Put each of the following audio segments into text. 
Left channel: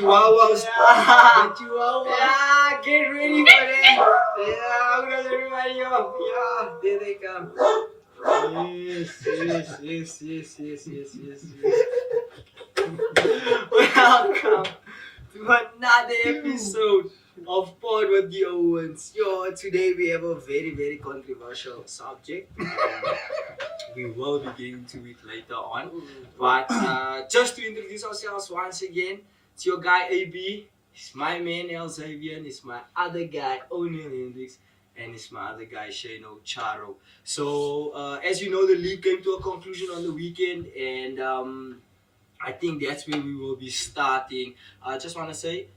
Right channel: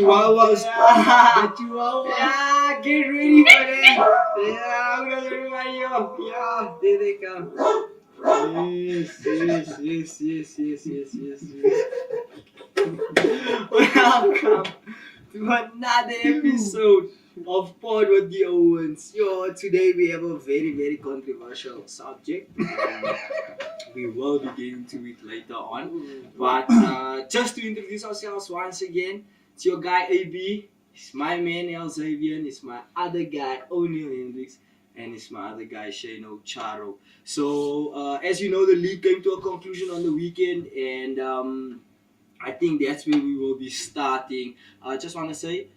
chihuahuas. Yeah. The chihuahuas. Yeah, get ready for that. Yeah, I'm gonna remind you. Yeah, there they come. Yes. Welcome to another episode of Pod with the Owens. Yo, today we have a very controversial subject. We will be getting to it later on. But just to introduce ourselves once again, it's your guy AB. It's my man El Xavier. It's my other guy O'Neil Hendricks. And it's my other guy Shano Charo. So as you know, the league came to a conclusion on the weekend, and I think that's where we will be starting. I just want to say,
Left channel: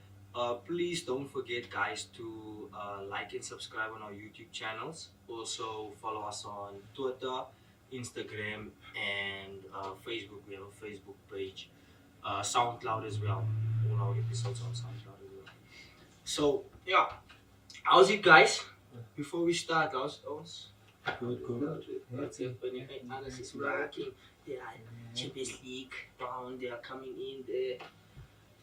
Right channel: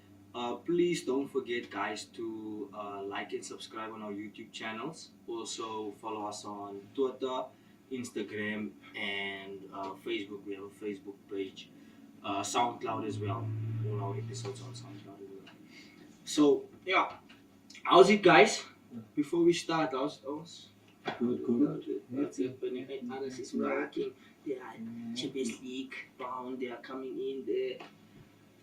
please don't forget, guys, to like and subscribe on our YouTube channels. Also, follow us on Twitter, Instagram, and Facebook. We have a Facebook page, SoundCloud as well. All our episodes on SoundCloud as well. So, yeah, how's it, guys? Before we start, how's Good. what's happening? Others is working. They are Champions League bound. They are coming in there.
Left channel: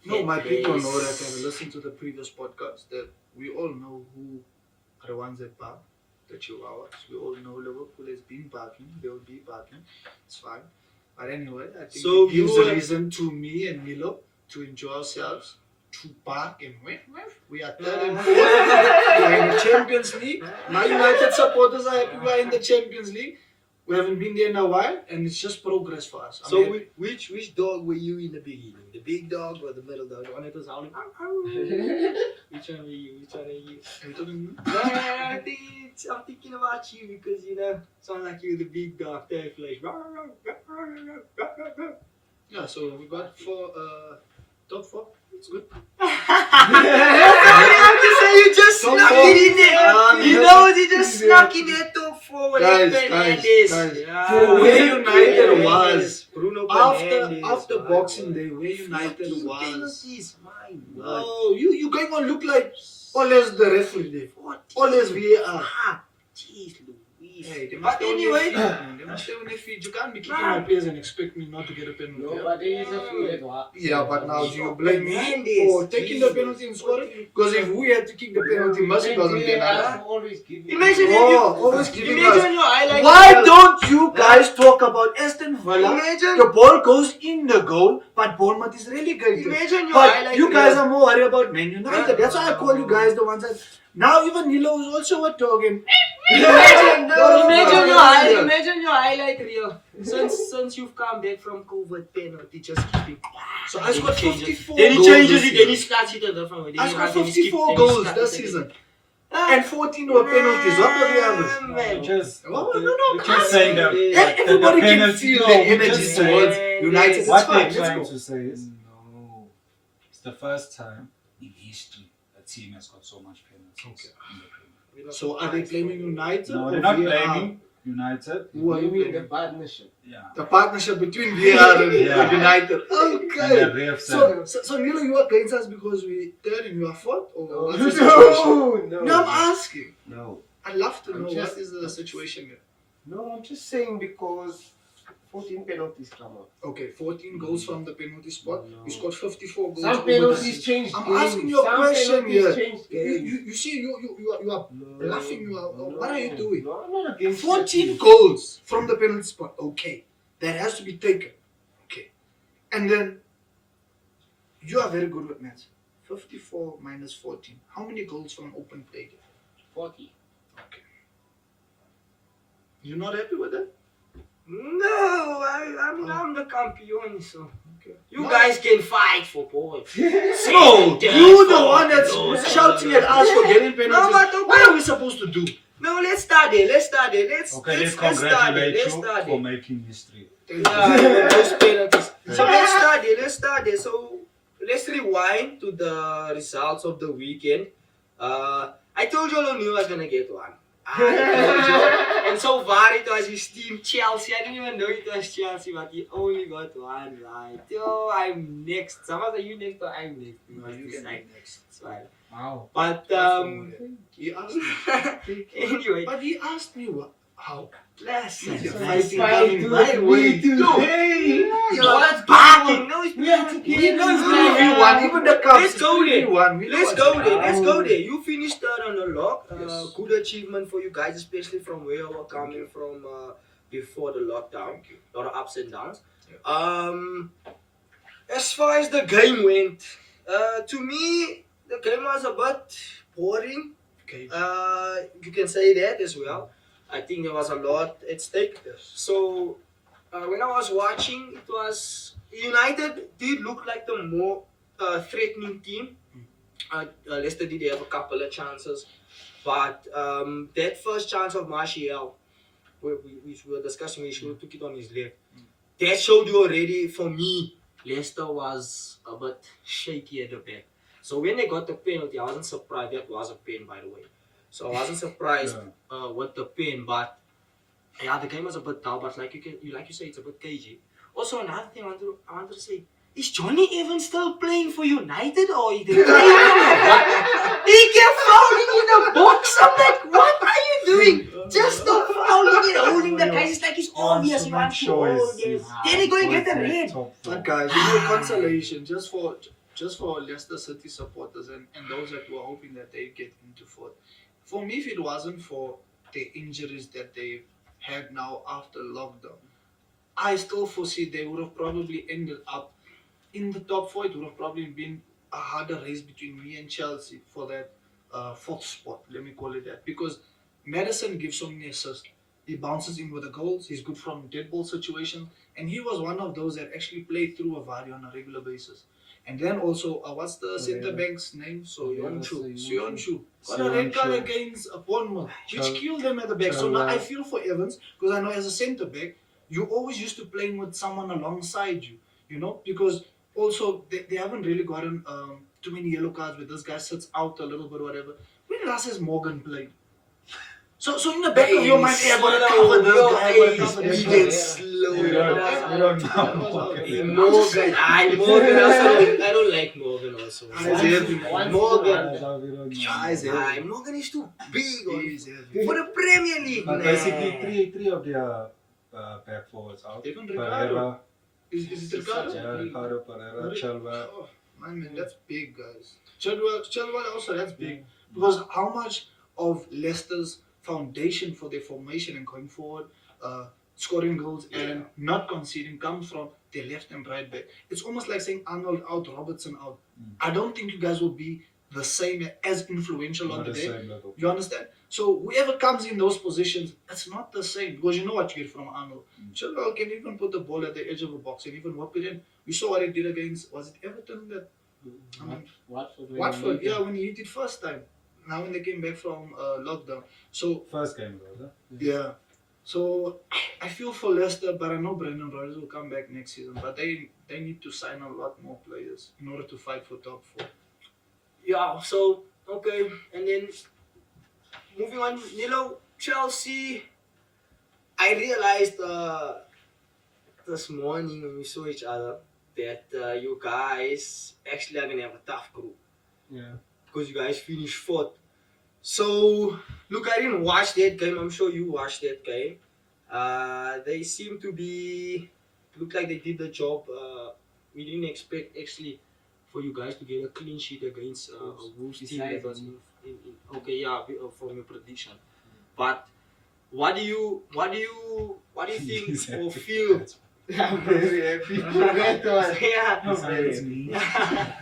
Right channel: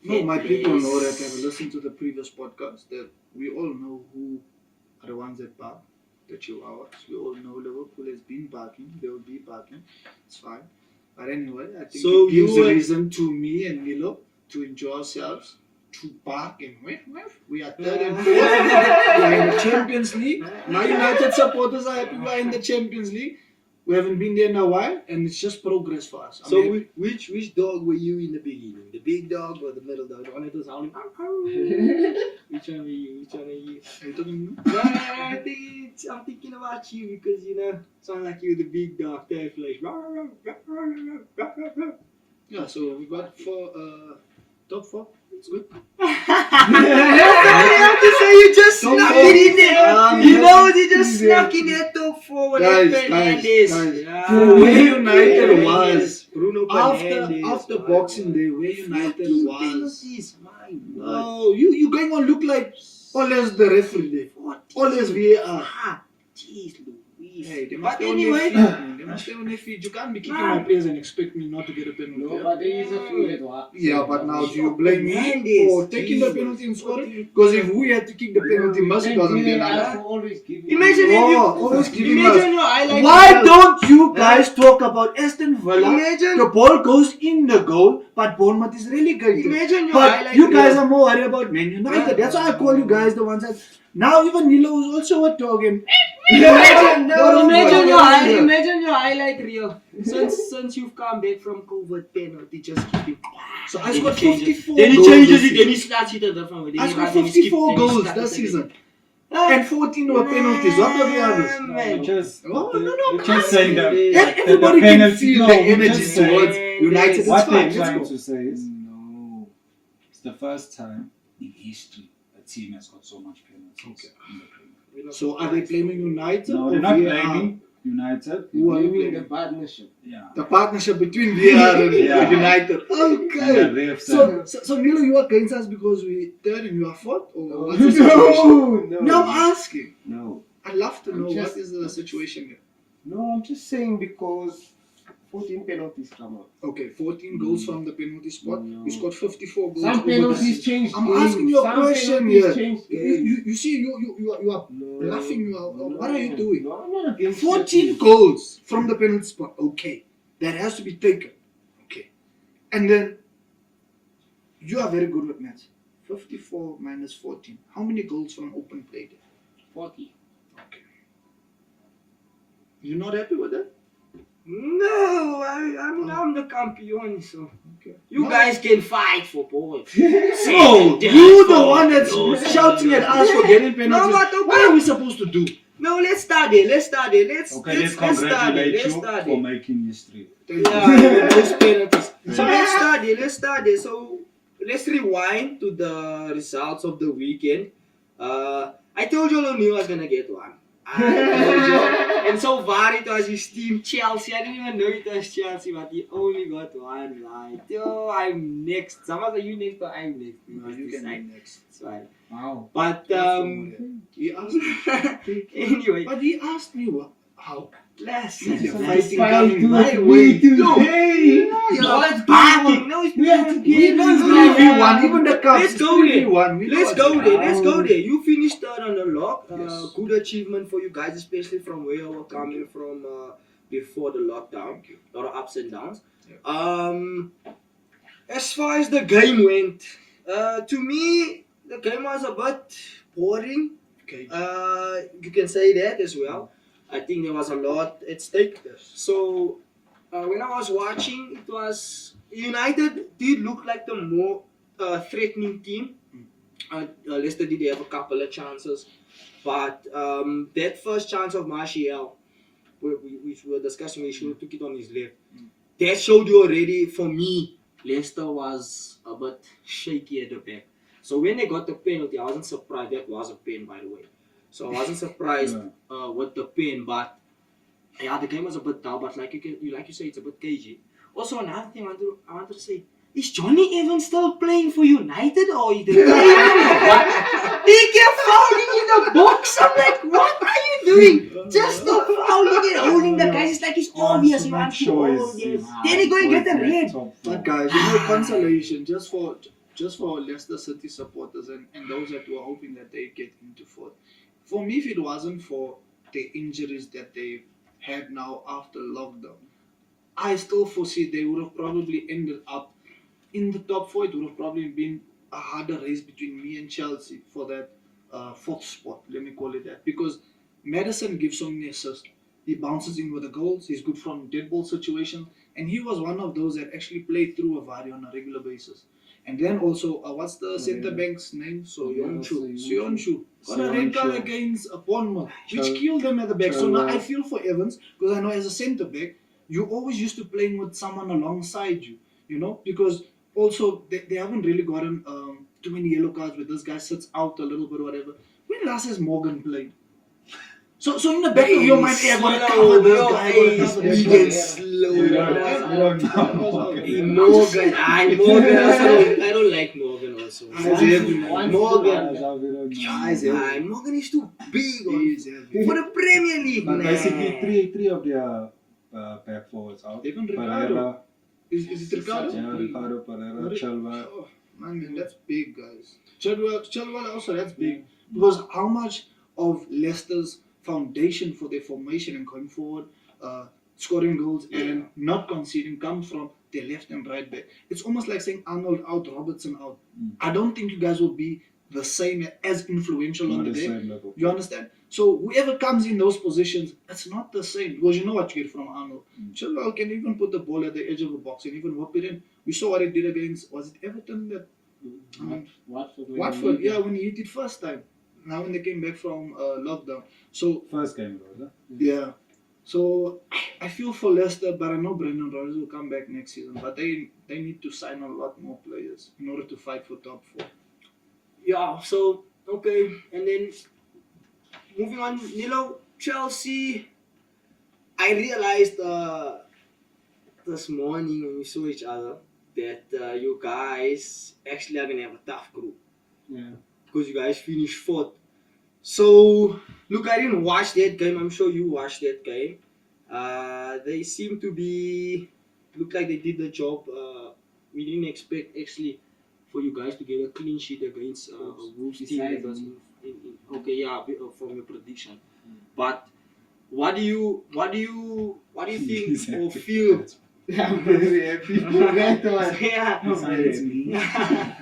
No, my people know that they listen to the previous podcast that we all know who are the ones that bark, the chihuahuas. We all know Liverpool has been barking. They will be barking. It's fine. But anyway, I think So it gives you a are- reason to me and Milo to enjoy ourselves, to bark and whiff. We are third and fourth. We are in the Champions League. My United supporters are happy we are in the Champions League. We haven't been there in a while, and it's just progress for us. So which dog were you in the beginning? The big dog or the middle dog? The one that was howling? Which one were you? Are you talking to me? I'm thinking about you because sound like you're the big dog. There, flash. Yeah, so we got top four. It's good. I'm just saying you just Top snuck four. it in there. You know you just snuck in there top four with that Fernandes. Guys. Where United was Bruno after Fernandes, my Boxing God. Day, where United 15 was. penalties, my God. No, you going on look like always the referee there. 40. Always VAR. Ah, jeez Louise. Hey, they But must stay on their anyway, feet, man. They must stay on their feet. You can't be kicking my players and expect me not to get a penalty. No, yeah? but there is a few that were. Yeah, but now do you blame me Fernandes, for taking the Jesus. penalty and scoring? Because if we had to kick the penalty, Mercy doesn't get that. Always give Imagine Always giving us. imagine your highlight. Why don't you guys talk about Aston Villa? Imagine, The ball goes in the goal, but Bournemouth is relegated. imagine your But highlight. you guys reel. are more worried about Man United. That's why I call you guys the ones that. Now even Nilo is also a talking. Imagine No. your highlight reel. Since you've come back from COVID penalty, just keeping. So I scored 54 Then he goals changes this it. Then he season. starts it a different way. Then I he scored runs and he 54 skips, goals then he this starts season. again. And 14 were penalties. What are the others? Man. Just, Oh, no, we're just saying that Everybody the can penalty, feel no, the we're energy just saying- towards United. It's what fine. they're Let's trying go. to say is, no, it's the first time in history a team has got so much penalties in the Premier League. So are they blaming United? No, or they're not VAR? blaming United. Who are you Maybe the blaming? partnership. Yeah. The partnership between VAR and Yeah. United. And Okay. the refs and- So Nilo, you are against us because we third and you are fourth? Or what's the situation? No, No, I'm asking. no. I'd love to I'm know just- what is the situation here. No, I'm just saying because 14 penalties come up. Okay, 14 goals from the penalty spot. No. You scored 54 goals. Some over the penalties season. change. I'm games. asking you a Some question penalties here. change games. You see, you are bluffing. You are. What are you doing? No, I'm not against 14 that. goals from the penalty spot. Okay, that has to be taken. Okay, and then you are very good with maths. 54 minus 14. How many goals from open play? 40. Okay. You're not happy with that? No, I'm the campeon, so Okay. you No. guys can fight for both. No, you're the one that's shouting at us for getting penalties. No, but okay. What are we supposed to do? No, let's start it. Let's start it. Okay, let's start it. congratulate Let's you start for it. making history. Yeah, those penalties. So let's start it. So let's rewind to the results of the weekend. I told you O'Neil was gonna get one. I told you. And so far it was his team Chelsea. I didn't even know it was Chelsea, but he only got one right. Yo, I'm next. Someone say you next or I'm next. No, you can be next. It's fine. Wow. But He asked me. anyway, But he asked me how. listen. You're listen. fighting Fight coming to my it, way. we to No. hey. You're barking. No, it's We have to We give don't this do guy won. Even the cup. Let's go we there. won. We Let's lost. go there. Let's go there. You finished third on the log. Yes. Good achievement for you guys, especially from where you were coming from before the lockdown. Thank you. A lot of ups and downs. Yeah. As far as the game went, to me, the game was a bit boring. Okay. You can say that as well. I think there was a lot at stake. Yes. So when I was watching, it was United did look like the more threatening team. Leicester did have a couple of chances, but that first chance of Martial, which we were discussing, he should have took it on his left. That showed you already. For me, Leicester was a bit shaky at the back. So when they got the penalty, I wasn't surprised. That was a pen, by the way. So I wasn't surprised with the pen, but yeah, the game was a bit dull. But like you say, it's a bit cagey. Also, another thing I wanted to say. Is Johnny Evans still playing for United or he didn't play? What? He kept fouling in the box. I'm like, what are you doing? Just stop fouling and holding the guys. It's like it's obvious you want to hold him. Then he go and get the red. But guys, consolation just for Leicester City supporters and those that were hoping that they get into fourth. For me, if it wasn't for the injuries that they had now after lockdown, I still foresee they would have probably ended up in the top four. It would have probably been a harder race between me and Chelsea for that fourth spot. Let me call it that, because Madison gives so many assists. He bounces in with the goals. He's good from dead ball situations, and he was one of those that actually played through a Vardy on a regular basis. And then also, what's the centre back's name? Soyuncu. Got a red card against Bournemouth, which killed them at the back. So now I feel for Evans, because I know as a centre back, you always used to playing with someone alongside you, because also they haven't really gotten too many yellow cards where this guy sits out a little bit or whatever. When last has Morgan played? So in the back of your mind, I'm going to cover this guy. Big and slow. Morgan. I don't like Morgan also. Morgan is too big for the Premier League. But basically, three of their back forwards out. Even Ricardo. Is it Ricardo? Yeah, Ricardo, Pereira, Chilwell. Oh, man, that's big, guys. Chilwell also, that's big. Because how much of Leicester's foundation for their formation and going forward, scoring goals and not conceding, comes from their left and right back. It's almost like saying Arnold out, Robertson out. I don't think you guys will be the same, as influential on the day. You understand? So whoever comes in those positions, it's not the same, because you know what you get from Arnold. Chilwell can even put the ball at the edge of a box and even whip it in. We saw what he did against, was it Everton? Watford, yeah, when he hit it first time. Now when they came back from lockdown. So first game, was it? Yeah. So I feel for Leicester, but I know Brendan Rodgers will come back next season. But they need to sign a lot more players in order to fight for top four. Yeah, so, okay. And then, moving on, Chelsea, I realized this morning when we saw each other that you guys actually are going to have a tough group. Yeah. Because you guys finished fourth. So, look, I didn't watch that game. I'm sure you watched that game. They seem to look like they did the job. We didn't expect, actually, for you guys to get a clean sheet against a Wolves team that was from your prediction. But what do you think or feel? I'm very happy for that one. Yeah.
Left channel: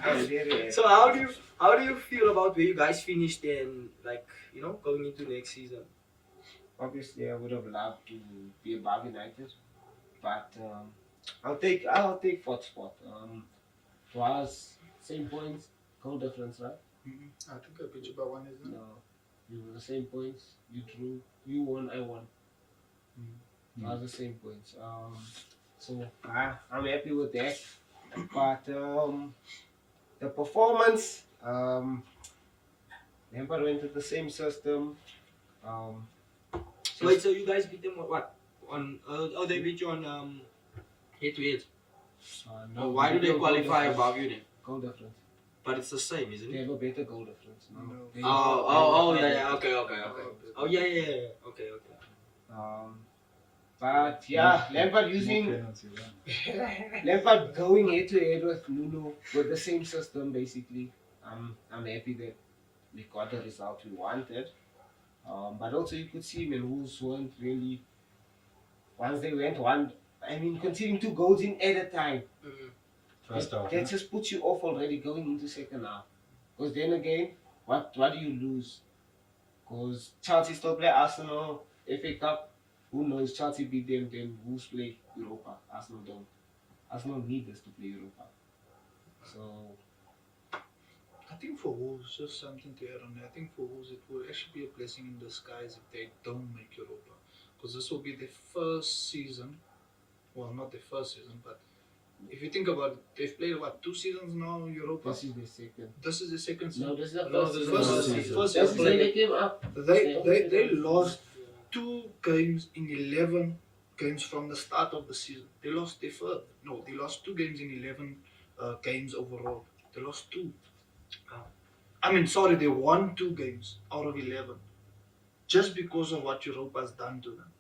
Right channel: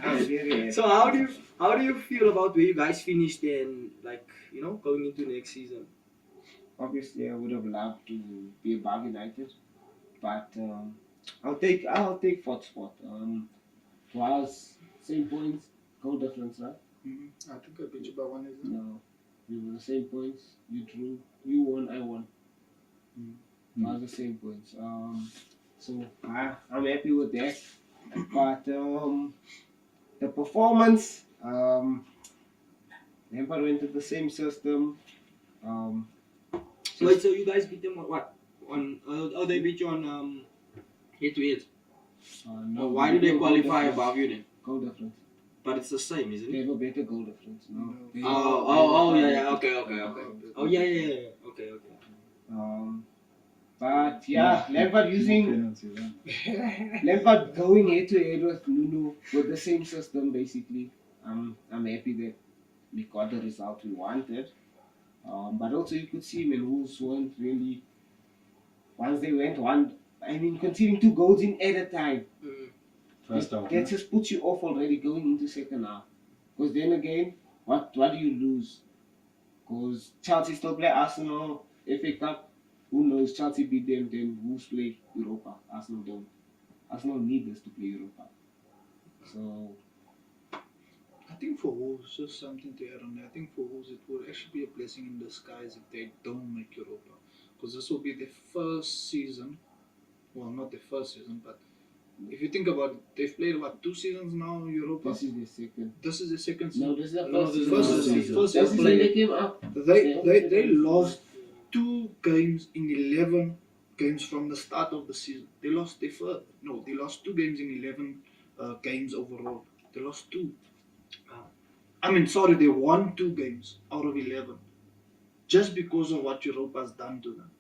I'm very happy. So how do you feel about where you guys finished and going into next season? Obviously, I would have loved to be above United, but I'll take fourth spot. Was same points, goal difference, right? I think I beat you by one, isn't it? No, we were the same points. You drew, you won, I won. Was the same points. So I'm happy with that. But the performance, Lampard went to the same system. Wait, so you guys beat them on what? They beat you on head-to-head. No, Why do they qualify above you then? Goal difference. But it's the same, isn't They it? have a better goal difference. No. Oh, yeah, okay. Oh, yeah. Okay. But But yeah, Lampard using penalties, huh? Lampard going head to head with Nuno with the same system basically. I'm happy that we got the result we wanted. But also you could see when Wolves weren't really once they went one. I mean, conceding 2 goals in at a time. First half. That just puts you off already going into second half. Because then again, what do you lose? Because Chelsea still play Arsenal, FA Cup. Who knows? Chelsea beat them, then Wolves play Europa. Arsenal don't. Arsenal need us to play Europa. So I think for Wolves, just something to add on. I think for Wolves, it will actually be a blessing in disguise if they don't make Europa, because this will be their first season. Well, not their first season, but if you think about it, they've played what 2 seasons now in Europa. this is the second. This is the second season. No, this is the No, first this is season. the First season. first That's season. when they came up. They lost 2 games in 11 games from the start of the season. They lost they lost 2 games in 11 games overall. They lost 2. I mean, sorry, they won 2 games out of 11 just because of what Europa has done to them.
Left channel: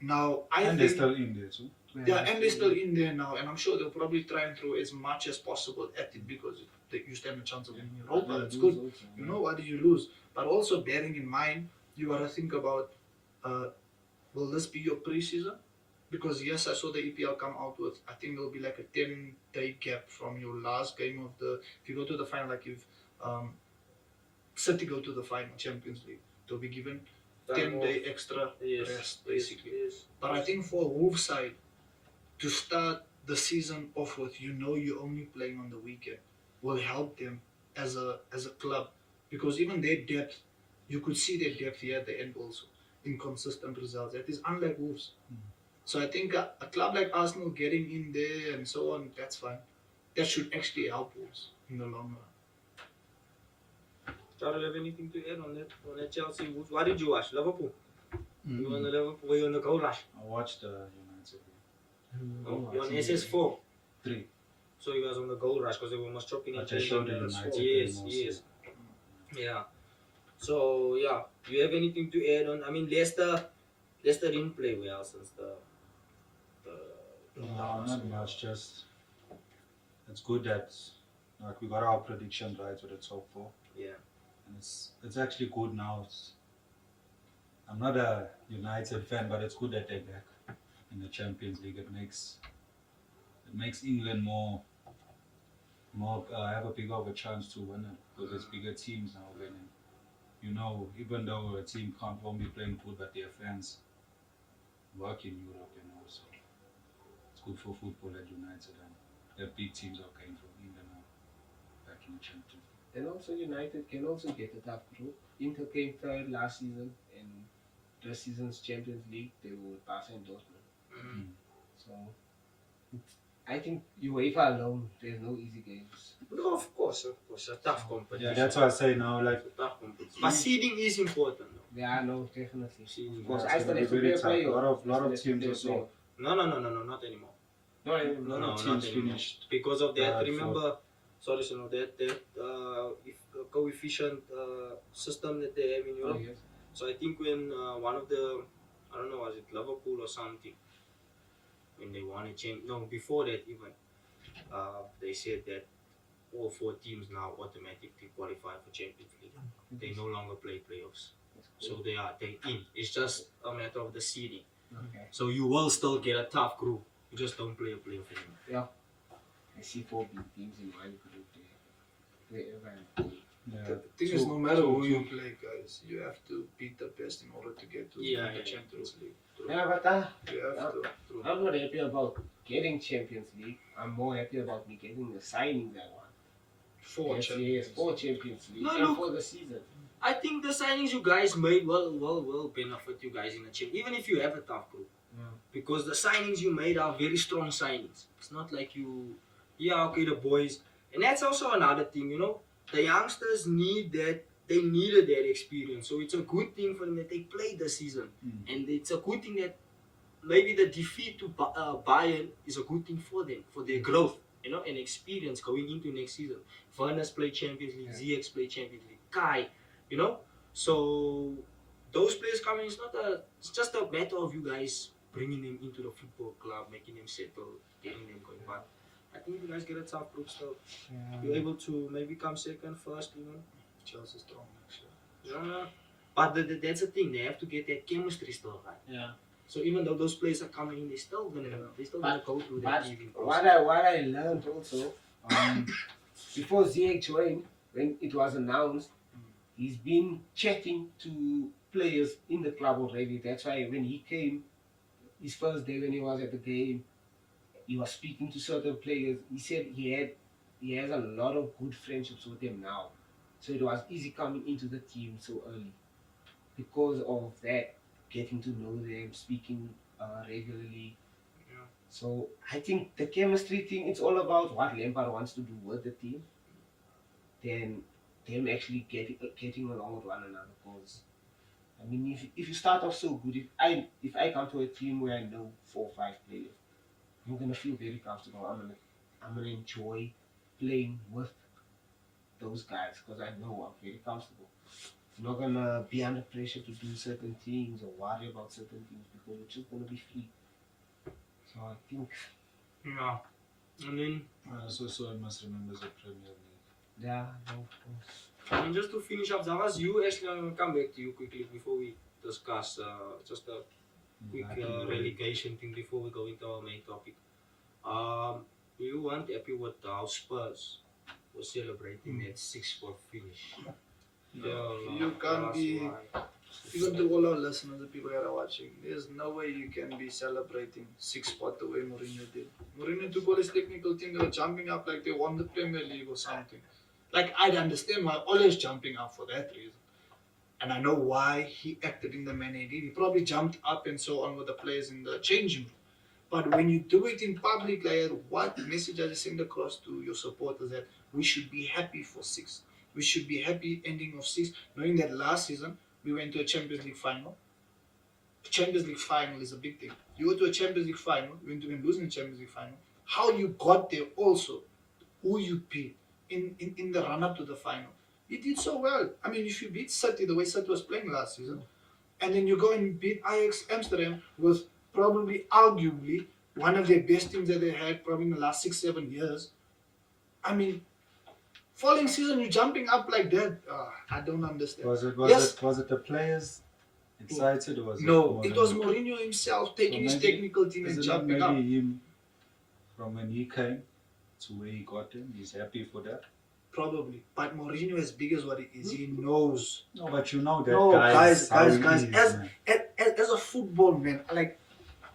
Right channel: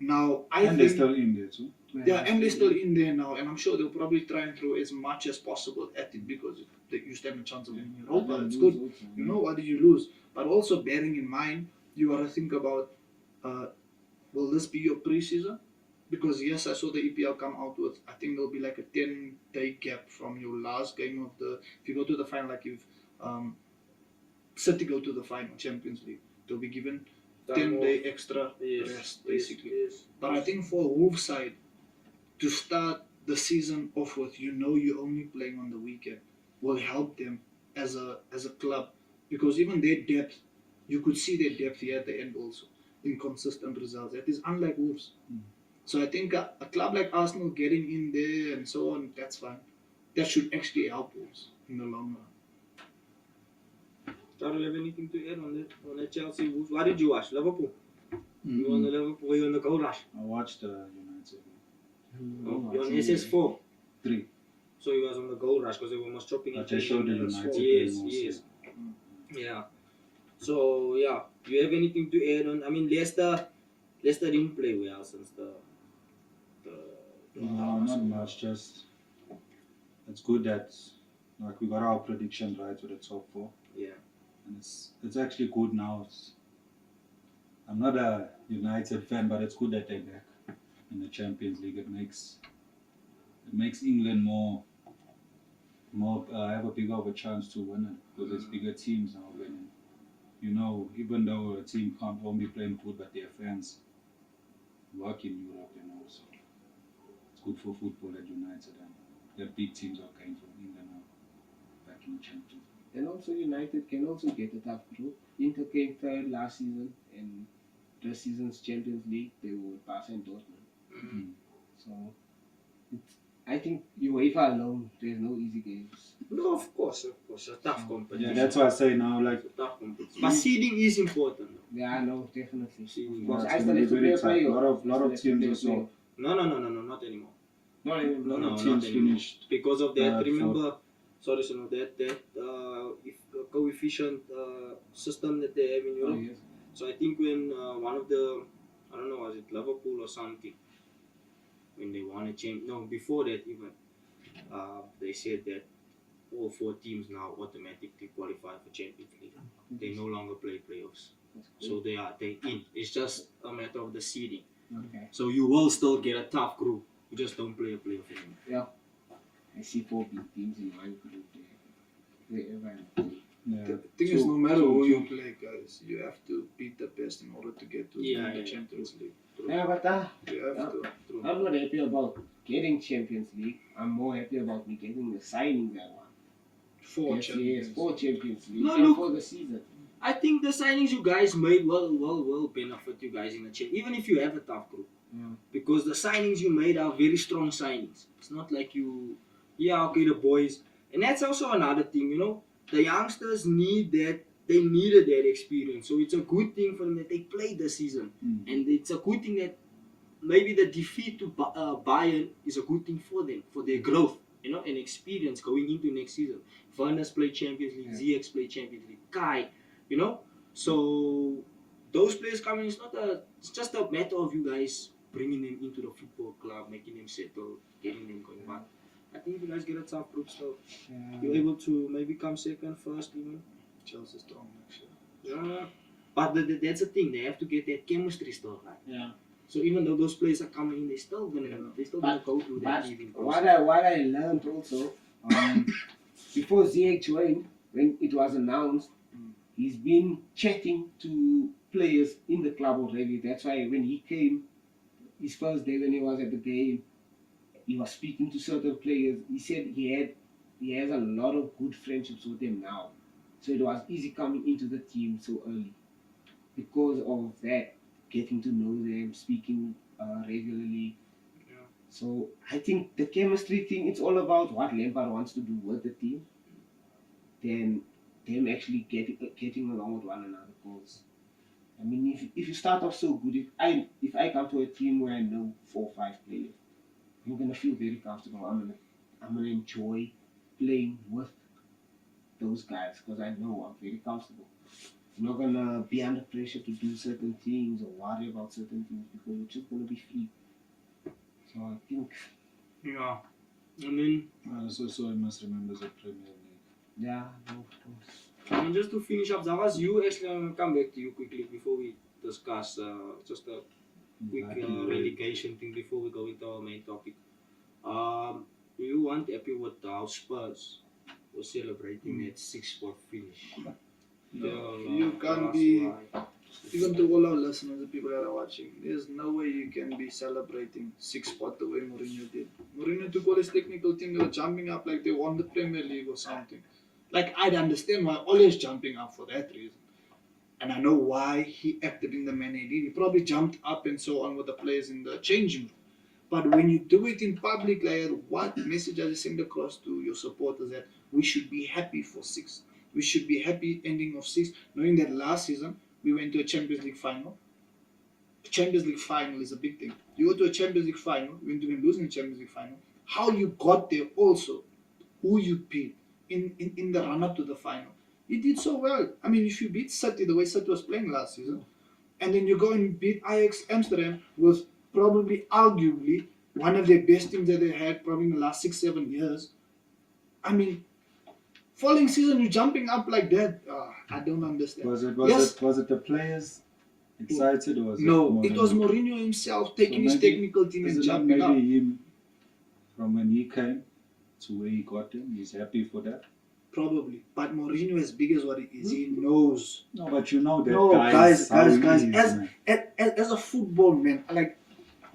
Now, And they're still in there too. yeah, and they're still in there now, and I'm sure they'll probably try and throw as much as possible at it because you stand a chance of winning Europa. That's good. You know, what did you lose? But also bearing in mind, you got to think about, will this be your preseason? Because yes, I saw the EPL come out with, I think there'll be like a 10-day gap from your last game of the, if you go to the final, like if City go to the final, Champions League, they'll be given 10-day extra rest, basically. But I think for Wolves side, to start the season off with, you're only playing on the weekend, will help them as a club, because even their depth, you could see their depth here at the end also, inconsistent results. It is unlike Wolves. So I think a club like Arsenal getting in there and so on, that's fine. That should actually help Wolves in the long run. Charles, have anything to add on that Chelsea Wolves? What did you watch? Liverpool? You on the Liverpool? Were you on the goal rush? I watched the United You're on SS4. 3. So you was on the goal rush because they were almost chopping But each I other. showed the United. Yes, game yes. also. Yeah. So yeah, do you have anything to add on? I mean, Leicester didn't play well since the No, not much. Just it's good that like we got our predictions right with the top 4. Yeah. And it's actually good now. I'm not a United fan, but it's good that they're back in the Champions League. It makes England more have a bigger of a chance to win it because there's bigger teams now winning. Even though a team can't only play good, but their fans work in Europe, so it's good for football at United, and the big teams are coming from England now back in the Champions League. And also United can also get a tough group. Inter came third last season, and this season's Champions League they were Barca and Dortmund. So I think UEFA alone, there's no easy games. No, of course, a tough competition. Yeah, that's why I say now, like, It's a tough competition. But seeding is important, though. Yeah, no, definitely. Seeding. Of course, it's I gonna still be have to very play a tough. playoff. Lot of teams also. No, not anymore. No, No, Teams not anymore. finished Because of that, third, remember, that coefficient system that they have in Oh, Europe. yes. So I think when one of the, I don't know, was it Liverpool or something, when they won a champion, no, before that even, they said that all 4 teams now automatically qualify for Champions League. They no longer play playoffs. So they in. It's just a matter of the seeding. Okay. So you will still get a tough group. You just don't play a playoff anymore. I see 4 big teams in one group there. Wherever. yeah. The thing is, no matter who you play, guys, you have to beat the best in order to get to the Champions League. True. Yeah, but You have to. True. I'm not happy about getting Champions League. I'm more happy about me getting the signings I want. 4 champions. 4 Champions League. No, and look. for the season. I think the signings you guys made will benefit you guys in the champ, even if you have a tough group. Yeah. Because the signings you made are very strong signings. It's not like the boys. And that's also another thing, the youngsters needed that experience. So it's a good thing for them that they played this season. And it's a good thing that maybe the defeat to Bayern is a good thing for them, for their growth, and experience going into next season. Werner's played Champions League, ZX played Champions League, Kai, So those players coming, it's just a matter of you guys bringing them into the football club, making them settle, getting them going. But I think you guys get a tough group still. You're able to maybe come second, first even. Chelsea strong next year. Yeah. But that's the thing, they have to get that chemistry still right. Yeah. So even though those players are coming in, they're still gonna go through that But leaving what process. I learned also, before Ziyech joined, when it was announced, he's been chatting to players in the club already. That's why when he came, his first day when he was at the game, he was speaking to certain players. He said he has a lot of good friendships with them now. So it was easy coming into the team so early because of that, getting to know them, speaking regularly. Yeah. So I think the chemistry thing, it's all about what Lampard wants to do with the team, then them actually getting along with one another. Because I mean, if you start off so good, if I come to a team where I know 4 or 5 players, I'm gonna feel very comfortable. I'm gonna enjoy playing with those guys because I know I'm very comfortable. I'm not gonna be under pressure to do certain things or worry about certain things because it's just gonna be free. So I think, Yeah. And then So I must remember the Premier League. yeah, no, of course. and just to finish up, Zavas, you actually I'm gonna come back to you quickly before we discuss just a quick relegation thing before we go into our main topic. You weren't happy with how Spurs was celebrating that 6-spot finish. You can't be, even to all our listeners, the people that are watching, there's no way you can be celebrating 6-spot the way Mourinho did. Mourinho took all his technical thing, they were jumping up like they won the Premier League or something. Like, I'd understand why always jumping up for that reason. And I know why he acted in the manner he did. He probably jumped up and so on with the players in the changing room. But when you do it in public, like, what message are you sending across to your supporters that we should be happy for 6? We should be happy ending of 6, knowing that last season we went to a Champions League final. Champions League final is a big thing. You go to a Champions League final, you went to losing the Champions League final. How you got there also, who you beat in the run-up to the final. You did so well. I mean, if you beat City the way City was playing last season, and then you go and beat Ajax Amsterdam was probably, arguably, one of their best teams that they had probably in the last 6-7 years. I mean, following season you're jumping up like that. I don't understand. Was it the players excited or was No, it it was Mourinho himself taking his maybe- technical team Is and it not jumping maybe up. him from when he came to where he got him? He's happy for that. Probably. But Mourinho, as big as what he is, he knows. No, but you know that No, guys, how he guys, is, as- man. As a football man, like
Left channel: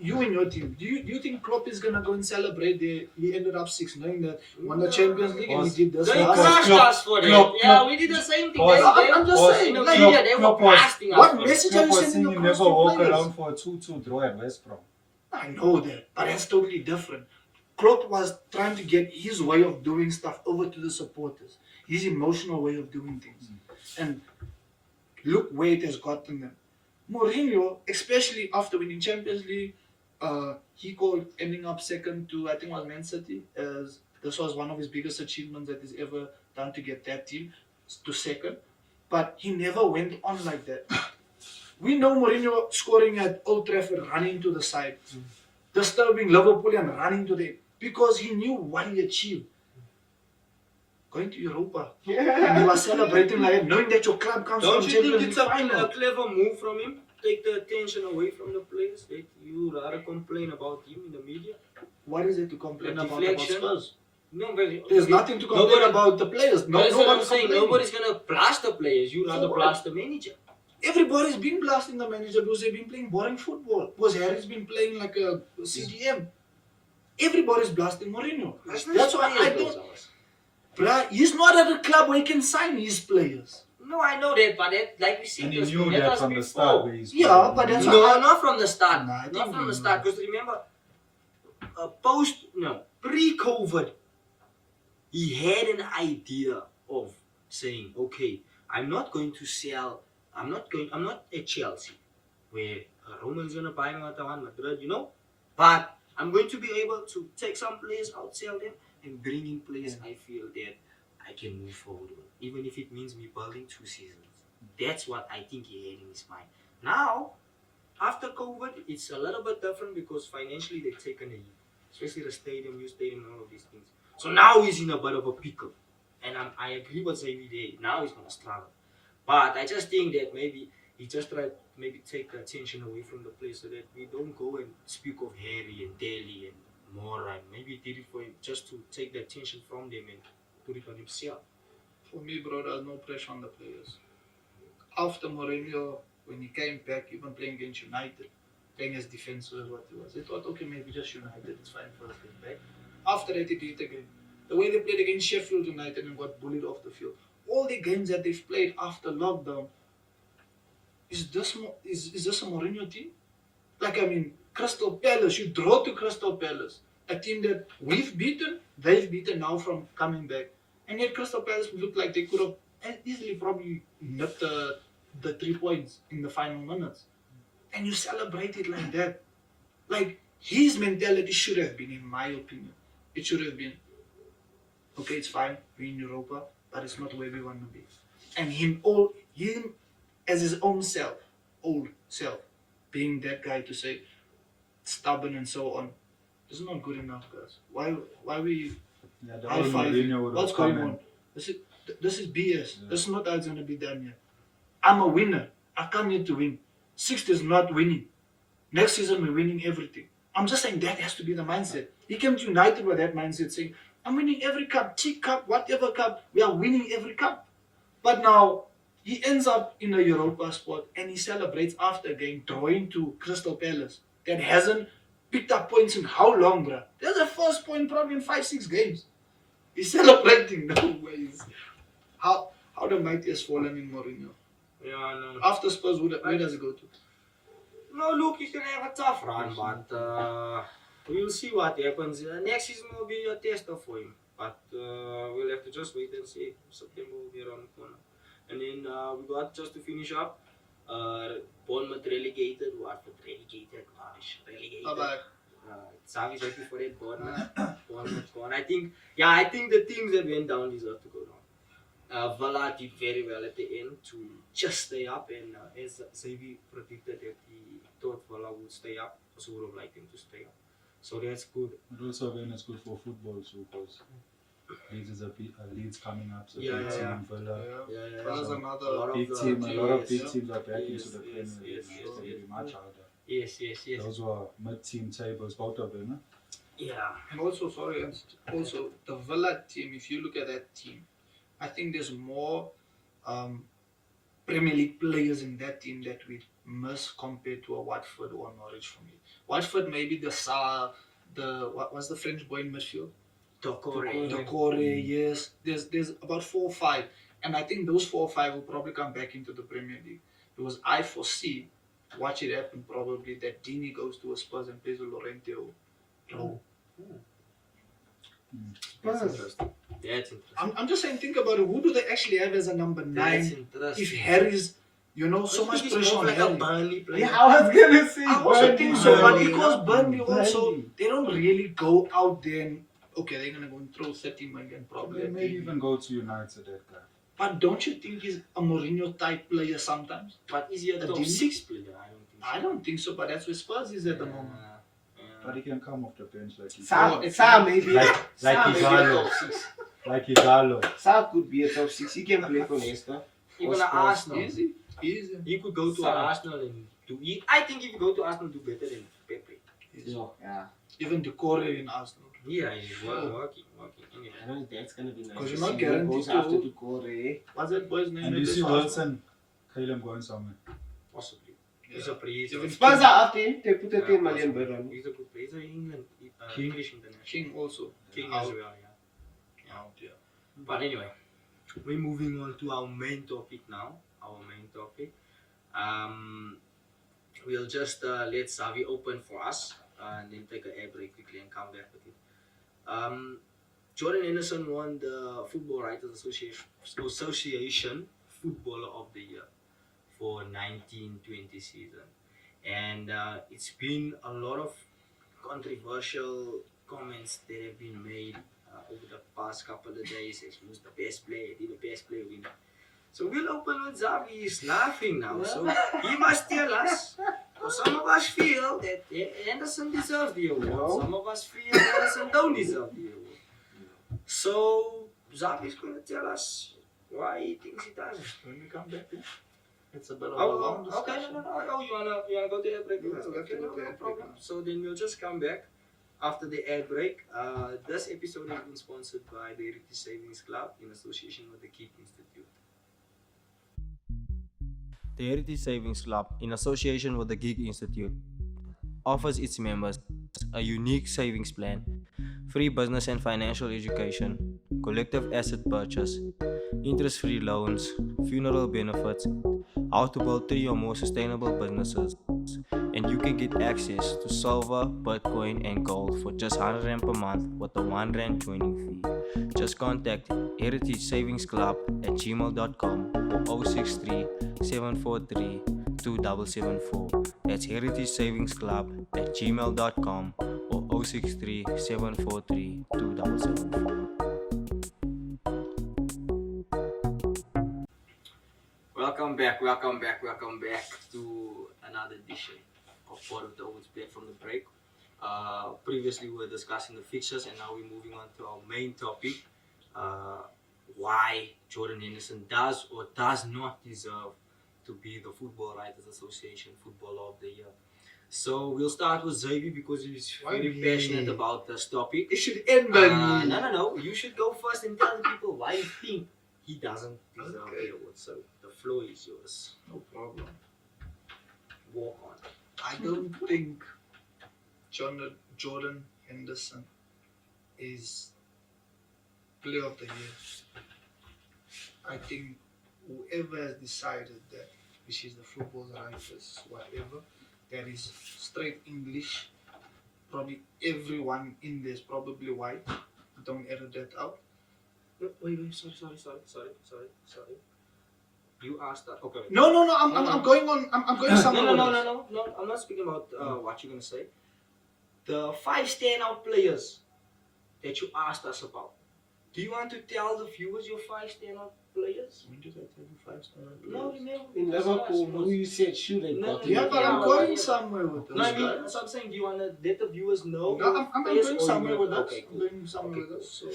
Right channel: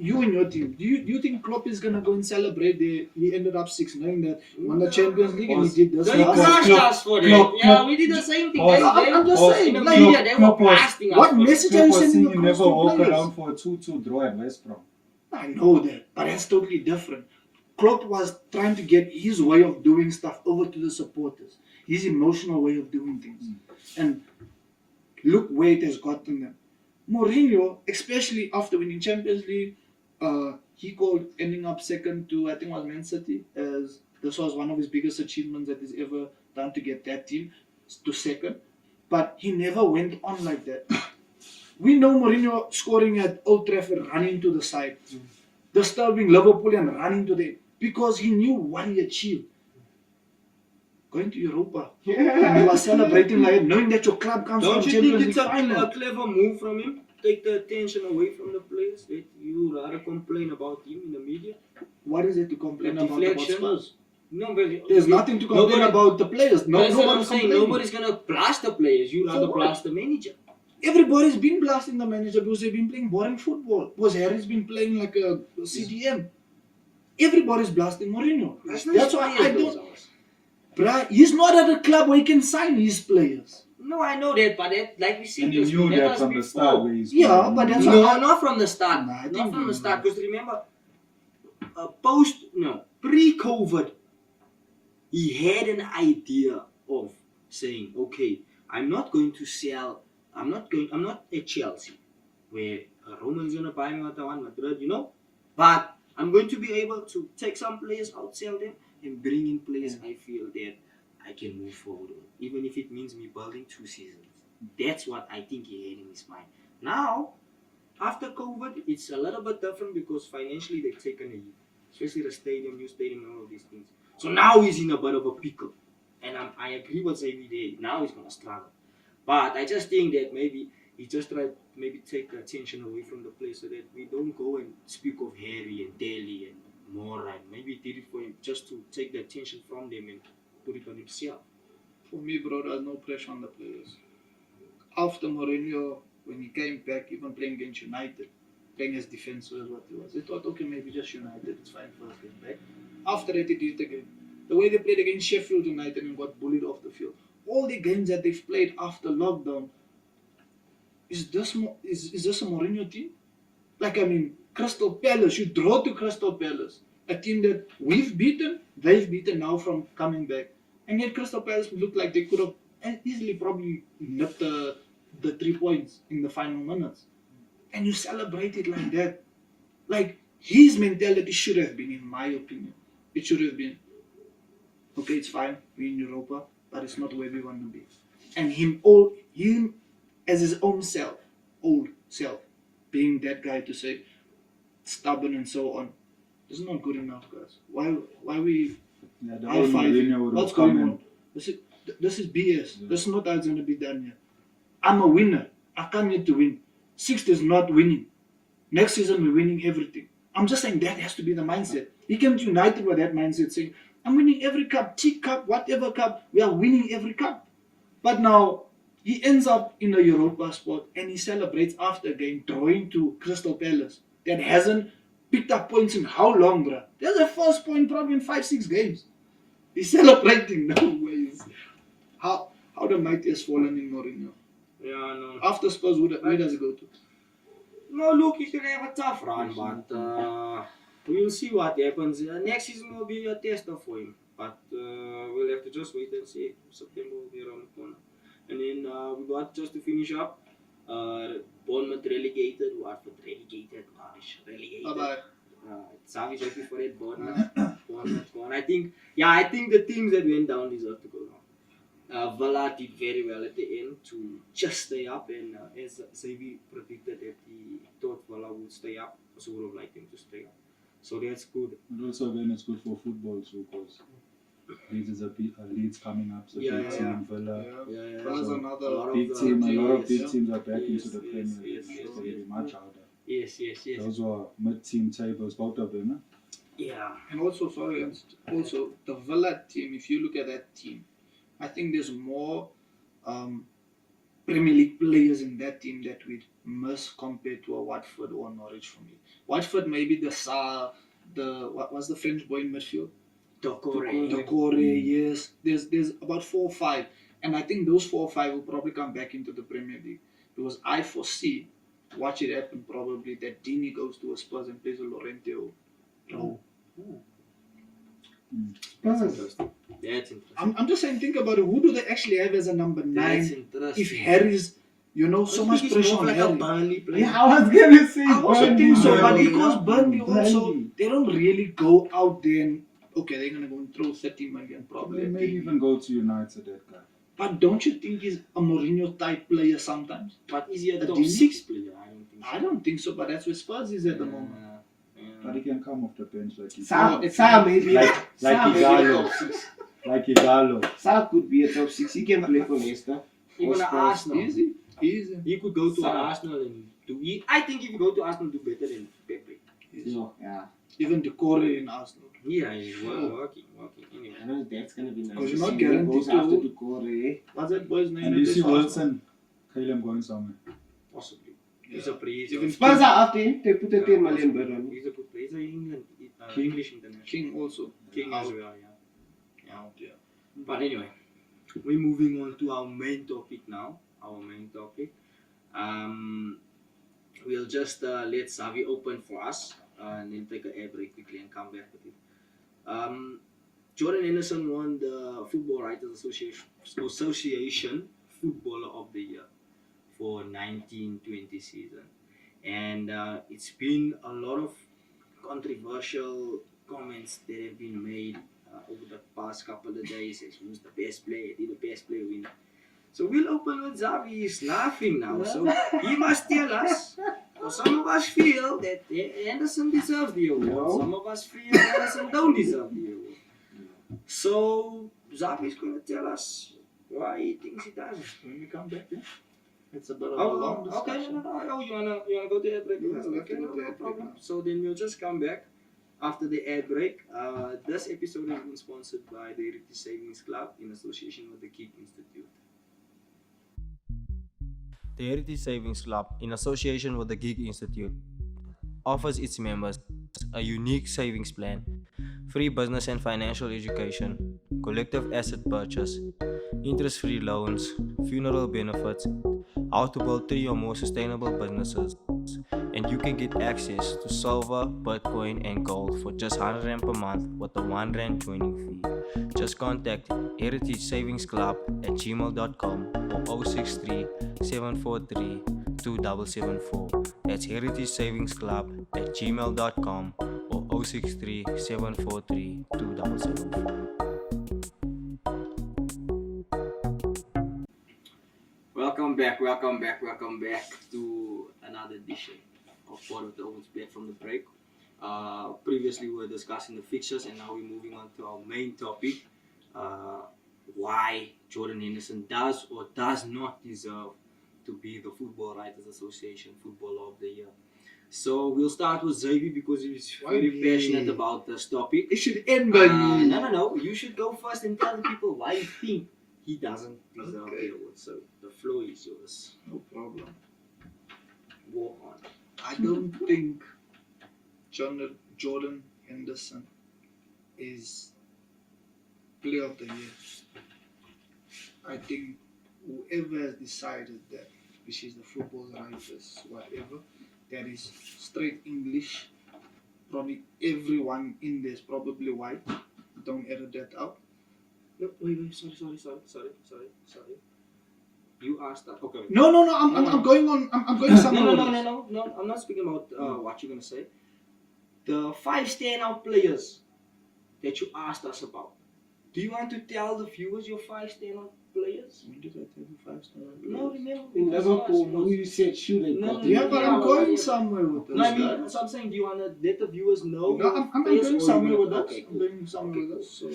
you and your team, do you think Klopp is gonna go and celebrate? He ended up 6, knowing that won the Champions League and he did this. They last- crushed Klopp- us for that. Klopp- Yeah, Klopp- we did the same thing. Pause. I'm just Pause. saying, In the like, media, they were Klopp was- blasting us. what for it. message are you Klopp was sending saying you across never to walk players? around for a 2-2 draw at West Brom. I know that, but that's totally different. Klopp was trying to get his way of doing stuff over to the supporters, his emotional way of doing things. And look where it has gotten them. Mourinho, especially after winning Champions League, he called ending up second to, I think it was Man City, as this was one of his biggest achievements that he's ever done to get that team to second. But he never went on like that. We know Mourinho scoring at Old Trafford, running to the side, disturbing Liverpool and running to the, because he knew what he achieved. Going to Europa. And he was celebrating like that, knowing that your club comes Don't from you Champions think League it's a final. clever move from him? Take the attention away from the players. That you rather complain about him in the media. What is it to complain A about deflection. Spurs? No, but There's nothing to complain nobody- about the players. No, That's what I'm nobody's saying. complaining. Nobody's gonna blast the players. You rather what? blast the manager. Everybody's been blasting the manager because they've been playing boring football. Because Harry's been playing like a CDM. Everybody's blasting Mourinho. That's why I don't. Bruh, he's not at a club where he can sign his players. No, I know that, but that, like we said, And he just- knew that that was from the before. start where he's Yeah, playing. but that's No, not from the start. Nah, I Not think from the he- start. Because remember, pre-COVID, he had an idea of saying, okay, I'm not at Chelsea, where Roman's gonna buy me at Madrid, but I'm going to be able to take some players, outsell them, and bring in players I feel that I can move forward with, even if it means me building 2 seasons. That's what I think he had in his mind. Now, after COVID, it's a little bit different because financially they've taken a hit, especially the stadium, new stadium, and all of these things. So now he's in a bit of a pickle, and I agree with Xavier there. Now he's gonna struggle. But I just think that maybe he just tried to maybe take the attention away from the place so that we don't go and speak of Harry and Delhi and Mora. And maybe he did it for him just to take the attention from them and put it on himself. For me, bro, there's no pressure on the players. After Mourinho, when he came back, even playing against United, playing as defensive as what he was, he thought, okay, maybe just United, it's fine for us to get back. After that, he did it again. The way they played against Sheffield United and got bullied off the field. All the games that they've played after lockdown, is this a Mourinho team? Like, I mean, Crystal Palace, you draw to Crystal Palace, a team that we've beaten, they've beaten now from coming back. And yet Crystal Palace looked like they could have easily probably nipped the 3 points in the final minutes. And you celebrate it like that. Like, his mentality should have been, in my opinion, it should have been, okay, it's fine, we're in Europa, but it's not where we want to be. And him as his own self, old self, being that guy to say, stubborn and so on, this is not good enough, guys. Why we Yeah, the high old five? Mourinho would What's have come going in. on? This is BS. Yeah. This is not how it's going to be done here. I'm a winner. I come here to win. Sixth is not winning. Next season we're winning everything. I'm just saying that has to be the mindset. He came to United with that mindset, saying, I'm winning every cup, Teak Cup, whatever cup, we are winning every cup. But now he ends up in a Europa spot and he celebrates after a game drawing to Crystal Palace that hasn't picked up points in how long, bruh? That's the first point probably in 5-6 games. He's celebrating. No ways. How the mighty has fallen in Mourinho. Yeah, no. After Spurs, where does he go to? No, look, he's gonna have a tough run, but we'll see what happens. Next season will be a tester for him, but we'll have to just wait and see. September will be around the corner, and then we got just to finish up. Bournemouth relegated, Watford relegated, Norwich relegated. Bye-bye. Xavi's happy for it. Bournemouth gone. I think the teams that went down deserve to go down. Villa did very well at the end to just stay up, and as Xavi predicted that he thought Villa would stay up, also would have liked him to stay up. So that's good. And also again, it's good for football too, because Leeds is Leeds coming up, so Yeah, big yeah, team, Villa. Yeah. Villa's So another a lot of Big the team, a lot of yes, big teams are back yes, into the yes, Premier League. yes, Now, yes, so yes. it'll be much harder. Yes. Those were mid-team tables, both of them. Huh? Yeah. And also, also the Villa team, if you look at that team, I think there's more Premier League players in that team that we'd miss compared to a Watford or Norwich for me. Watford maybe what was the French boy in midfield? Decore, yes. There's about 4 or 5. And I think those 4 or 5 will probably come back into the Premier League. Because I foresee, watch it happen probably, that Dini goes to a Spurs and plays with Llorente. No. That's interesting. That's interesting. I'm just saying, think about it. Who do they actually have as a number 9? That's interesting. If Harry's, so much He's pressure more on like a Harry. Burnley player. Yeah, I was gonna say. I also think so, but Burnley, because yeah. Burnley also, Burnley. they don't really go out there and, okay, they're going to go and throw 30 million probably. They at may Dini. even go to United, that guy. But don't you think he's a Mourinho type player sometimes? But is he a top Dini? 6 player? I don't think so. I don't think so, but that's where Spurs is at the moment. But he can come off the bench like he Sam maybe. like Sam maybe a Igalo. top 6. Like Igalo. Sam could be a top 6. He can play for Leicester. Even Or at Spurs. Arsenal. Easy. He could go to Sam. Arsenal and do it. I think if you go to Arsenal, do better than Pepe. Yeah. Even Decore in Arsenal. Yeah, he's working anyway. I know that's gonna be nice. Because you're to not see who guaranteed goes to- after Decore. What's that boy's name? And you at see this Arsenal? Wilson, Caleb going somewhere. Possibly. Yeah. He's a player. Even Spurs are after him. They put a 10 million bid on him. He's a good player. He's an England, King. English international. King also. King Out. as well, yeah. Out, yeah. But anyway, we're moving on to our main topic now. We'll just let Xavi open for us and then take an air break quickly and come back with it. Jordan Henderson won the Football Writers Association Footballer of the Year for 1920 season. And it's been a lot of controversial comments that have been made over the past couple of days as who's the best player, the best player winner. So we'll open with Zavi. He's laughing now. So he must tell us. So some of us feel that Henderson deserves the award. No. Some of us feel Henderson don't deserve the award. So Zavi's going to tell us why he thinks he doesn't. When we come back, yeah? It's a bit of a Oh, long okay, discussion. no. Oh, you wanna go to ad break? Yeah, we Okay, can no go to ad break problem. now. So then we'll just come back after the ad break. This episode has been sponsored by the Heritage Savings Club in association with the Geek Institute. The Heritage Savings Club, in association with the Geek Institute, offers its members a unique savings plan, free business and financial education, collective asset purchase, interest-free loans, funeral benefits, how to build 3 or more sustainable businesses, and you can get access to silver, Bitcoin, and gold for just R100 per month with a R1 joining fee. Just contact Heritage Savings Club at gmail.com or 063 743 2774. That's Heritage Savings Club at gmail.com or 063 743 2774. Welcome back to another edition of Part of the Ouens back from the break. Previously we were discussing the fixtures and now we're moving on to our main topic, why Jordan Henderson does or does not deserve to be the Football Writers Association Footballer of the Year. So we'll start with Xavier because he's very Why passionate me? about this topic. It should end by me. No. You should go first and tell the people why you think he doesn't deserve Okay. the award. So the floor is yours. No problem. Walk on. I don't think Jordan Henderson is player of the year. I think whoever has decided that, which is the football writers, whatever, that is straight English. Probably everyone in there is probably white. Don't edit that out. No, wait, sorry. You asked that. Okay. Wait. No. I'm going on. I'm going somewhere. No. I'm not speaking about what you're gonna say. The 5 standout players that you asked us about. Do you want to tell the viewers your 5 standout players? When did I tell you 5 standard? No, remember. In because Liverpool, last who you said should have No, got no, it. Yeah, but I'm Yeah, going yeah. somewhere with this. No, I mean, guys. so I'm saying, do you want to let the viewers know? No, your I'm players going or somewhere you with want- that. Okay, I'm cool. going somewhere with that. So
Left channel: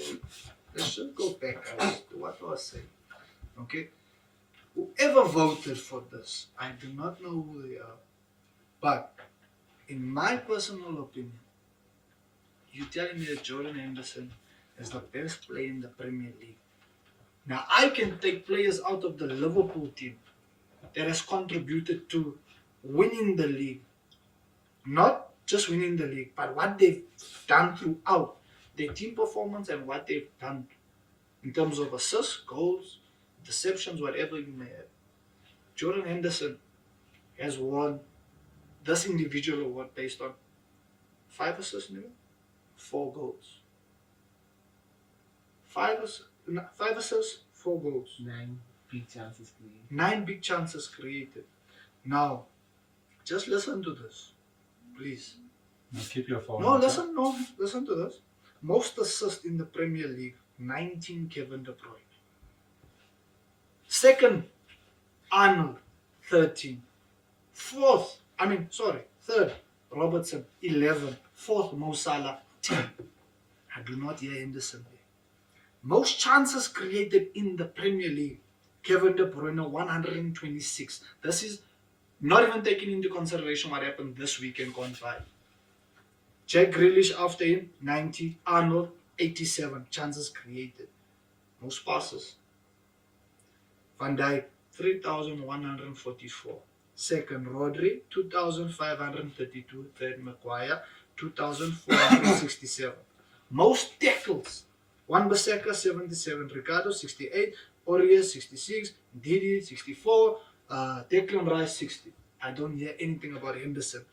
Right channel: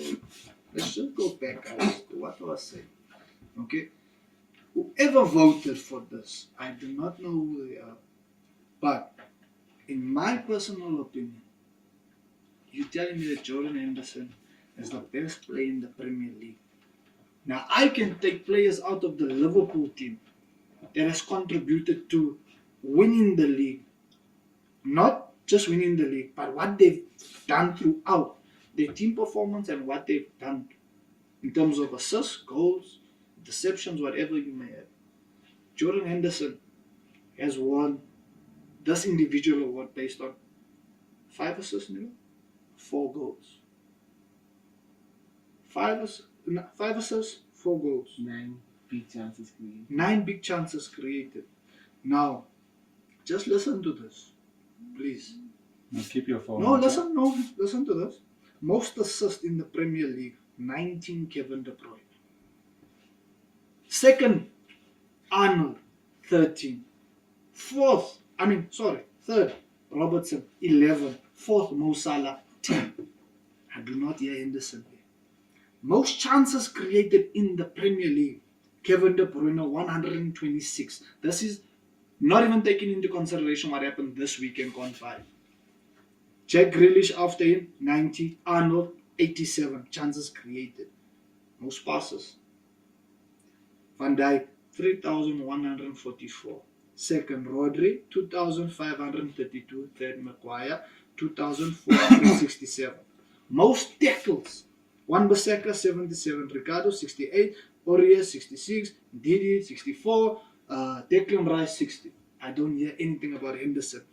let's just go back, guys, to what I was saying. Okay? Whoever voted for this, I do not know who they are. But in my personal opinion, you're telling me that Jordan Henderson is the best player in the Premier League. Now I can take players out of the Liverpool team that has contributed to winning the league. Not just winning the league, but what they've done throughout their team performance and what they've done in terms of assists, goals, deceptions, whatever you may have. Jordan Henderson has won this individual award based on 5 assists, maybe 4 goals. 5 assists, 4 goals. 9 big chances created. 9 big chances created. Now, just listen to this, please. Now keep your phone. No, okay? listen to this. Most assists in the Premier League, 19 Kevin De Bruyne. Second, Arnold, 13. Third, Robertson, 11. Fourth, Mo Salah, 10. I do not hear Henderson there. Most chances created in the Premier League, Kevin De Bruyne, 126. This is not even taking into consideration what happened this weekend gone by. Jack Grealish after him, 90. Arnold, 87 chances created. Most passes. Van Dijk, 3,144. Second, Rodri, 2,532. Third, Maguire, 2,467. Most tackles. Wan-Bissaka, 77. Ricardo, 68. Aurier, 66. Didi, 64. Declan Rice, 60. I don't hear anything about Henderson.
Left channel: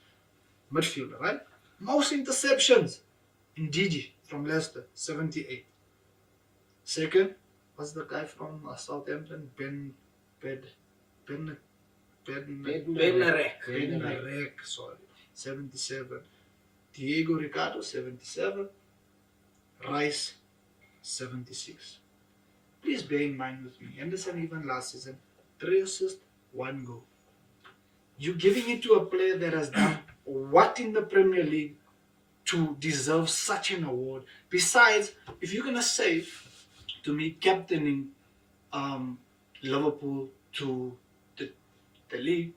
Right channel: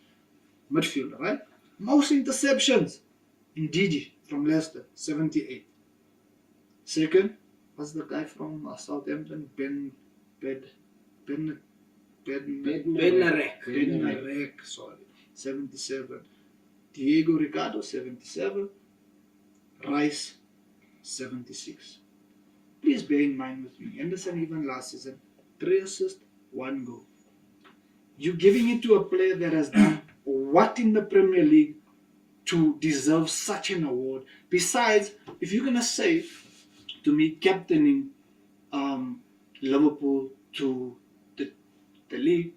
Midfielder, right? Most interceptions. Didi from Leicester, 78. Second, what's the guy from Southampton? Bednarek, sorry, 77. Diego Ricardo, 77. Rice, 76. please bear in mind with me, Henderson even last season, 3 assists, 1 goal. You're giving it to a player that has done what in the Premier League to deserve such an award? Besides, if you're gonna say to me captaining Liverpool to the league,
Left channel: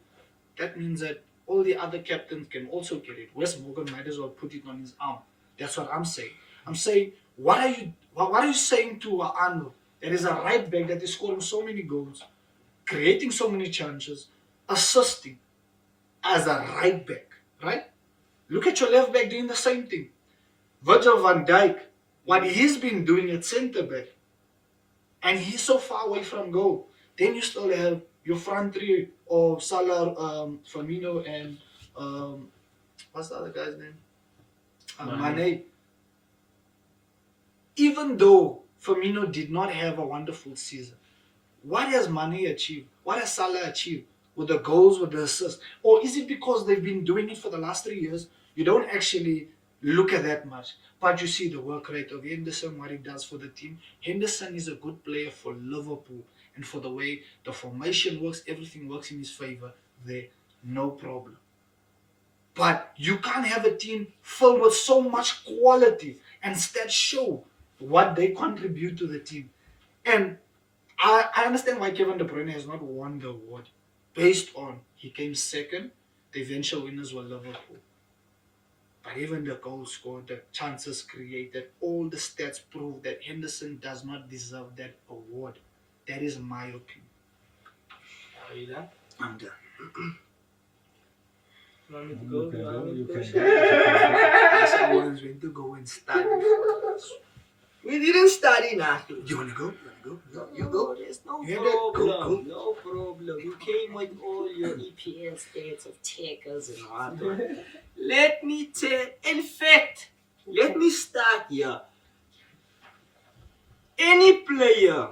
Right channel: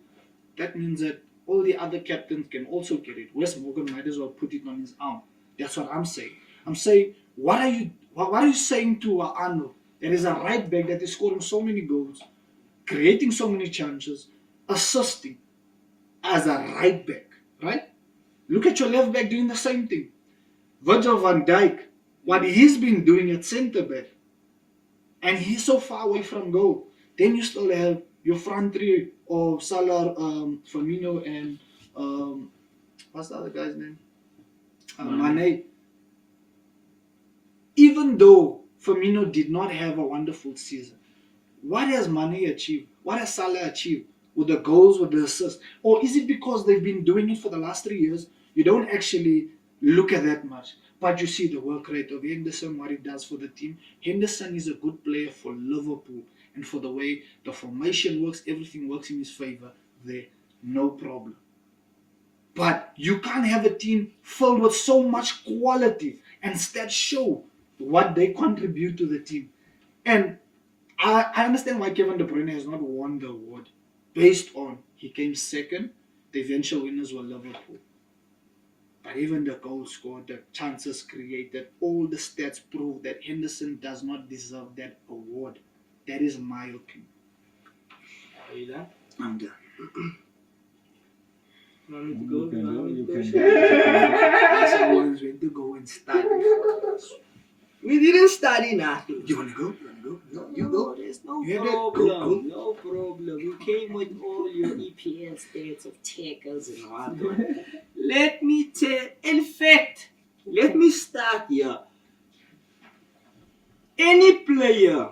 that means that all the other captains can also get it. Wes Morgan might as well put it on his arm. That's what I'm saying. I'm saying, what are you saying to Arnold? There is a right back that is scoring so many goals, creating so many chances, assisting as a right back, right? Look at your left back doing the same thing. Virgil van Dijk, what he's been doing at centre back, and he's so far away from goal. Then you still have your front three of Salah, Firmino, and what's the other guy's name? Mane. Even though Firmino did not have a wonderful season, what has Mane achieved? What has Salah achieved with the goals, with the assists? Or is it because they've been doing it for the last 3 years? You don't actually look at that much, but you see the work rate of Henderson, what he does for the team. Henderson is a good player for Liverpool, and for the way the formation works, everything works in his favor there, no problem. But you can't have a team filled with so much quality and instead show what they contribute to the team. And I understand why Kevin De Bruyne has not won the award based on he came second, the eventual winners were Liverpool. But even the goals scored, the chances created, all the stats prove that Henderson does not deserve that award. That is my opinion. Are you done? I'm done. You want me to You go? can want go, me you to can go? go. I said once went to go and study. We didn't study nothing. You wanna go? No, you No, go. there's no You have that? problem. Go. No problem. You came with all your EPL stats of tackles and whatnot. Let me tell. In fact, let me start here. Any player